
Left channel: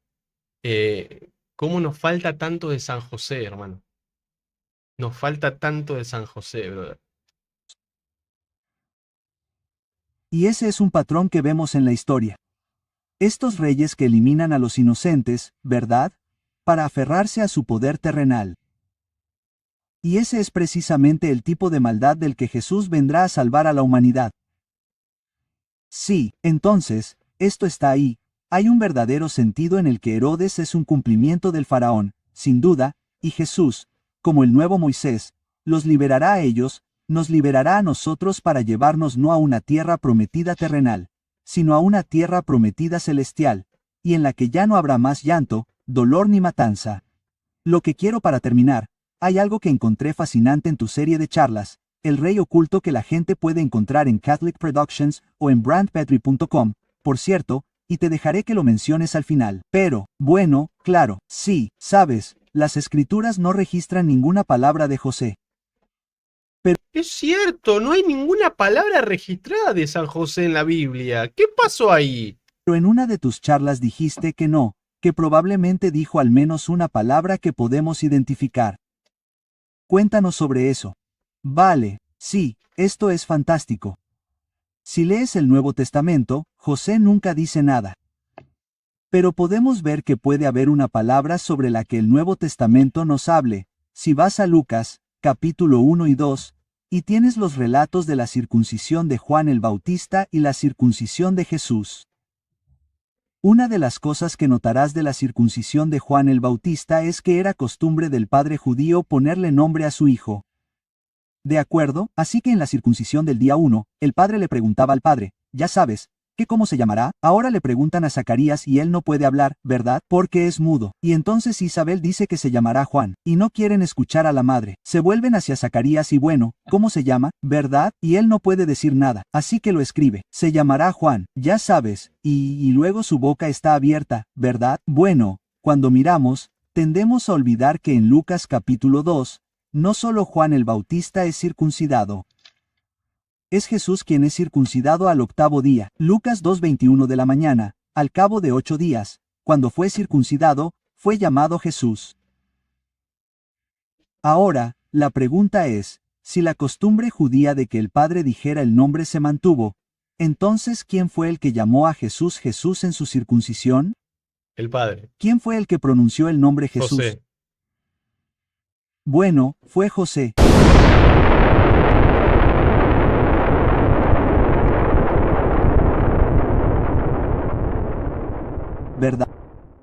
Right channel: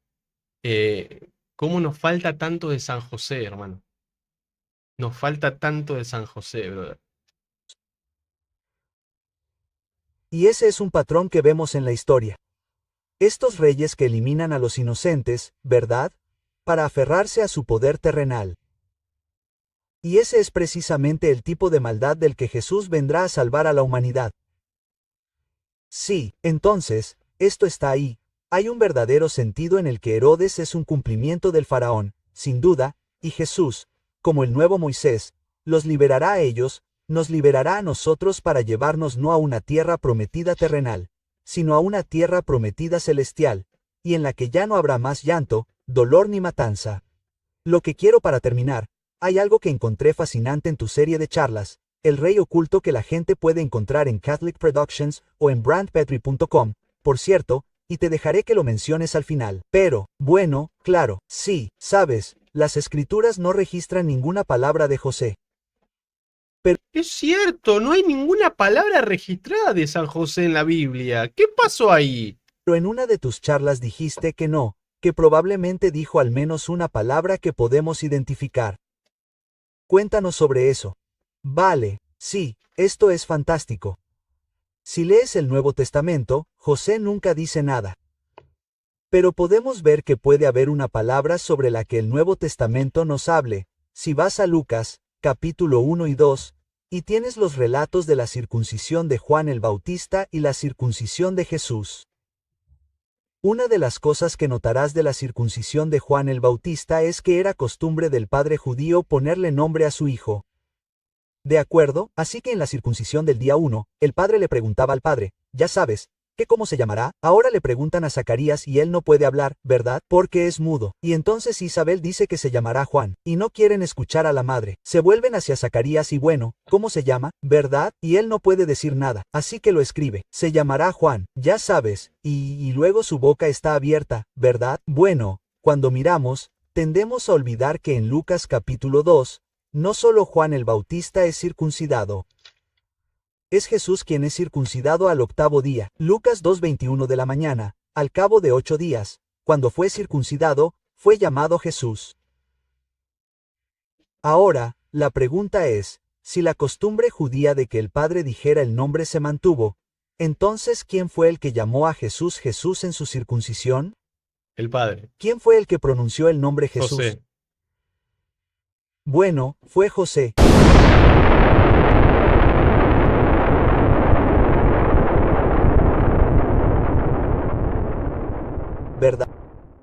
cómo nos falta tanto de San José, hermano. Nos falta tanto de San José, brother. Y ese es un patrón que vemos en la historia. Estos reyes que eliminan a los inocentes, ¿verdad? Para aferrarse a su poder terrenal. Y ese es precisamente el tipo de maldad del que Jesús vendrá a salvar a la humanidad. Sí, entonces, esto está ahí. Hay un verdadero sentido en el que Herodes es un cumplimiento del faraón, sin duda, y Jesús, como el nuevo Moisés, los liberará a ellos, nos liberará a nosotros para llevarnos no a una tierra prometida terrenal, sino a una tierra prometida celestial, y en la que ya no habrá más llanto, dolor ni matanza. Lo que quiero para terminar, hay algo que encontré fascinante en tu serie de charlas, El Rey Oculto, que la gente puede encontrar en Catholic Productions o en brandpetri.com, por cierto, y te dejaré que lo menciones al final. Pero, bueno, claro, sí, sabes, las escrituras no registran ninguna palabra de José. Es cierto, no hay ninguna palabra registrada de San José en la Biblia. ¿Qué pasó ahí? Pero en una de tus charlas dijiste que no, que probablemente dijo al menos una palabra que podemos identificar. Cuéntanos sobre eso. Vale, sí, esto es fantástico. Si lees el Nuevo Testamento, José nunca dice nada. Pero podemos ver que puede haber una palabra sobre la que el Nuevo Testamento nos hable. Si vas a Lucas, capítulo 1 y 2, y tienes los relatos de la circuncisión de Juan el Bautista y la circuncisión de Jesús. Una de las cosas que notarás de la circuncisión de Juan el Bautista es que era costumbre del padre judío ponerle nombre a su hijo. ¿De acuerdo? Así que en la circuncisión del día 1, el padre le preguntaba al padre, ya sabes, ¿qué cómo se llamará? Ahora le preguntan a Zacarías y él no puede hablar, ¿verdad? Porque es mudo. Y entonces Isabel dice que se llamará Juan, y no quieren escuchar a la madre. Se vuelven hacia Zacarías y bueno, ¿cómo se llama? ¿Verdad? Y él no puede decir nada, así que lo escribe. Se llamará Juan, ya sabes, y luego su boca está abierta, ¿verdad? Bueno, cuando miramos, tendemos a olvidar que en Lucas capítulo 2, no solo Juan el Bautista es circuncidado. Es Jesús quien es circuncidado al octavo día. Lucas 2:21 de la mañana, al cabo de 8 días, cuando fue circuncidado, fue llamado Jesús. Ahora, la pregunta es, si la costumbre judía de que el padre dijera el nombre se mantuvo, entonces ¿quién fue el que llamó a Jesús Jesús en su circuncisión? El padre. ¿Quién fue el que pronunció el nombre Jesús? José. Bueno, fue José. ¿Verdad?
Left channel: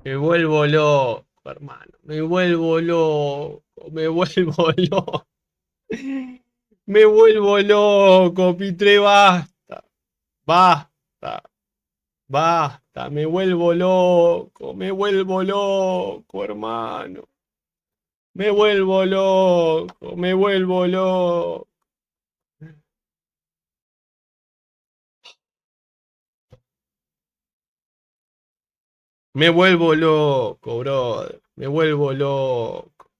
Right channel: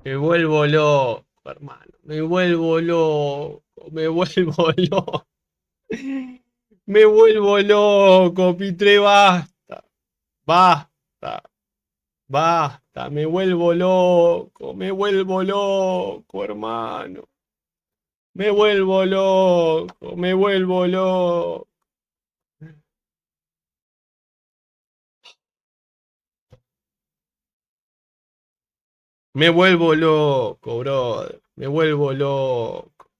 Me vuelvo loco, hermano. Me vuelvo loco. Me vuelvo loco. Me vuelvo loco, Pitre, basta. Basta. Basta. Me vuelvo loco. Me vuelvo loco, hermano. Me vuelvo loco. Me vuelvo loco. Me vuelvo loco, brother. Me vuelvo loco.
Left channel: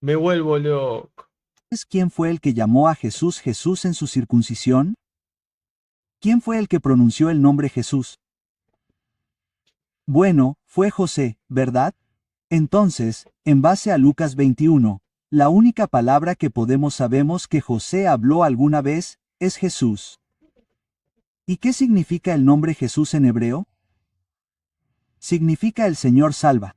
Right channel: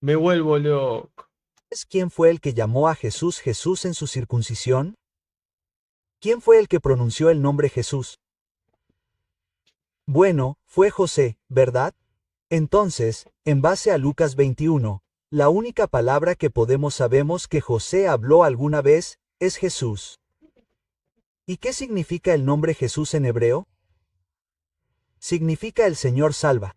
Me vuelvo loco. ¿Es quién fue el que llamó a Jesús Jesús en su circuncisión? ¿Quién fue el que pronunció el nombre Jesús? Bueno, fue José, ¿verdad? Entonces, en base a Lucas 21, la única palabra que sabemos que José habló alguna vez, es Jesús. ¿Y qué significa el nombre Jesús en hebreo? Significa el Señor salva.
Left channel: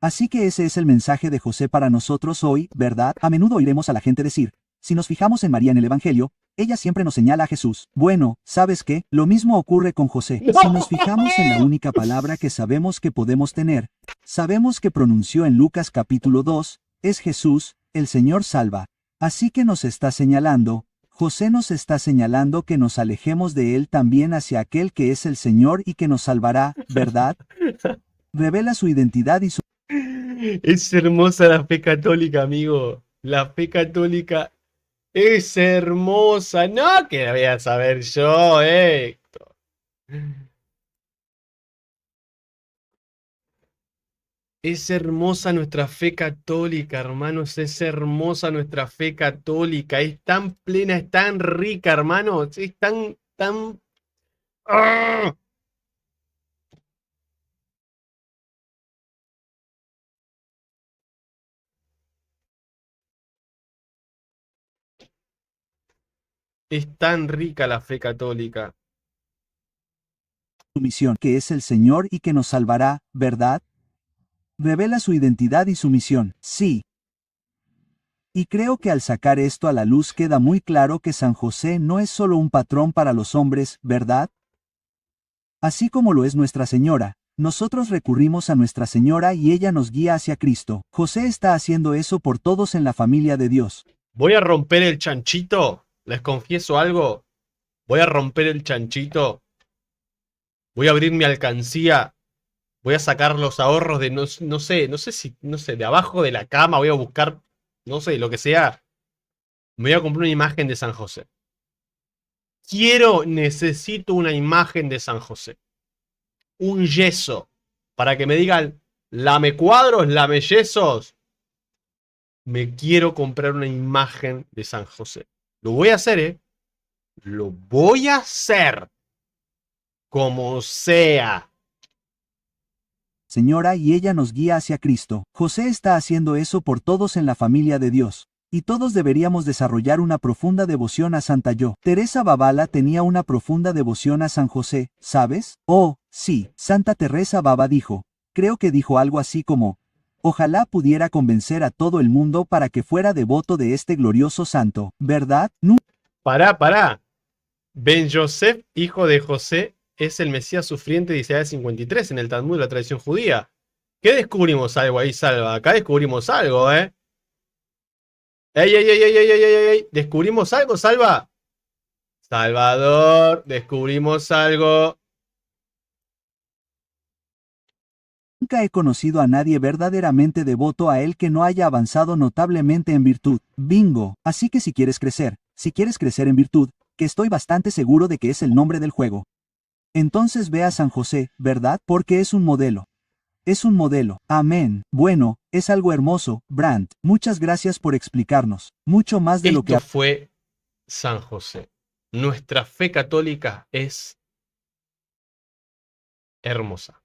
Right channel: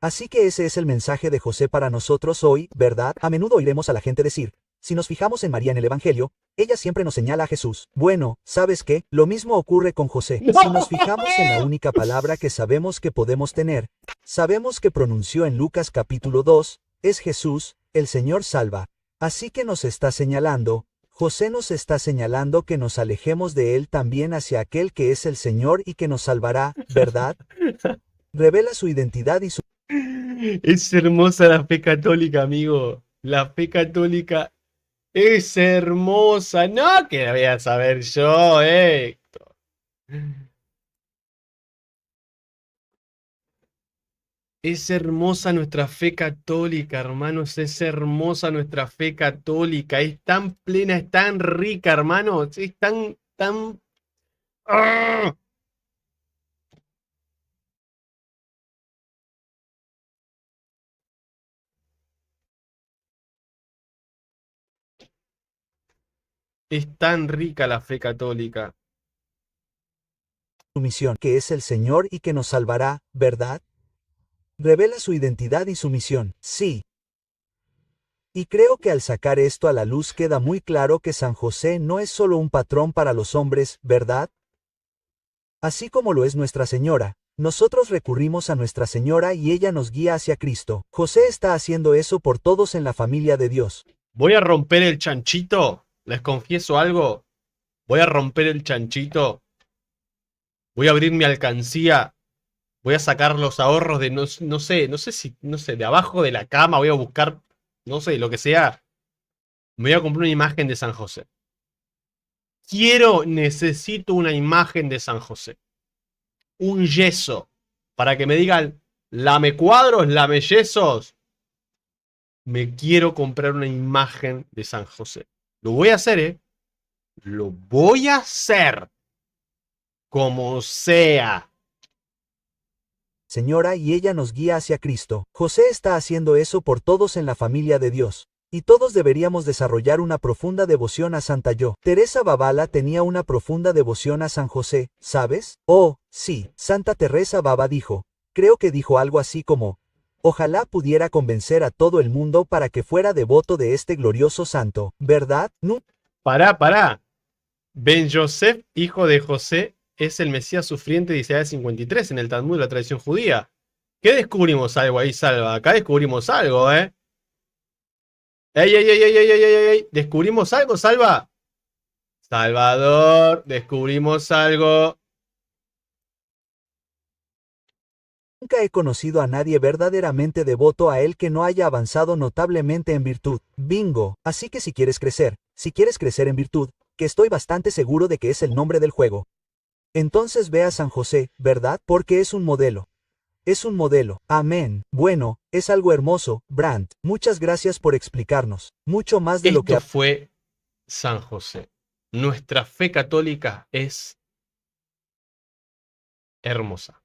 Así que ese es el mensaje de José para nosotros hoy, ¿verdad? A menudo oiremos a la gente decir, si nos fijamos en María en el Evangelio, ella siempre nos señala a Jesús. Bueno, ¿sabes qué? Lo mismo ocurre con José. Si nos fijamos en la única palabra que sabemos que podemos tener, sabemos que pronunció en Lucas capítulo 2, es Jesús, el Señor salva. Así que nos está señalando, José nos está señalando que nos alejemos de él también hacia aquel que es el Señor y que nos salvará, ¿verdad? Revela su identidad y su Es hermosa la fe católica, amigo. La fe católica es hermosa. No, que la voy a saber yo, Es hermosa nuestra fe católica, hermanos. Es hermosa nuestra fe católica. Es tan plena, es tan rica, hermanos. Es tan... ¡Ah! Es tan rica la fe católica. misión, que es el Señor y que nos salvará, ¿verdad? Revela su identidad y su misión, sí. Y creo que al sacar esto a la luz queda muy claro que San José no es solo un patrón para los hombres, ¿verdad? Así como lo es Nuestra Señora, nosotros recurrimos a Nuestra Señora y ella nos guía hacia Cristo. José está haciendo eso por todos en la familia de Dios. Voy a romper el chanchito. Les confieso algo. Voy a romper el chanchito. Voy a abrir mi alcancía. Voy a sacar los ahorros de no sé, de abajo de la cama. Voy a buscar, no sé, lo que sea. Me voy a comprar una imagen de San José. Necesito una imagen de San José. Un yeso. Para que me digan, lame cuadros, lame yesos. Me quiero comprar una imagen de San José. Lo voy a hacer, Lo voy a hacer. Como sea. Señora y ella nos guía hacia Cristo. José está haciendo eso por todos en la familia de Dios. Y todos deberíamos desarrollar una profunda devoción a Santa Yo. Teresa Babala tenía una profunda devoción a San José, ¿sabes? Oh, sí, Santa Teresa Baba dijo. Creo que dijo algo así como, ojalá pudiera convencer a todo el mundo para que fuera devoto de este glorioso santo, ¿verdad? Pará. Ben Yosef, hijo de José, es el Mesías sufriente de Isaías 53 en el Talmud de la tradición judía. ¿Qué descubrimos algo ahí, Salva? Acá descubrimos algo, ¡Ey! ¿Descubrimos algo, Salva? Salvador, descubrimos algo. Nunca he conocido a nadie verdaderamente devoto a él que no haya avanzado notablemente en virtud. Bingo. Así que si quieres crecer en virtud, que estoy bastante seguro de que es el nombre del juego. Entonces ve a San José, ¿verdad? Porque es un modelo. Es un modelo. Amén. Bueno, es algo hermoso, Brandt. Muchas gracias por explicarnos. Mucho más de lo que... Esto fue San José. Nuestra fe católica es hermosa.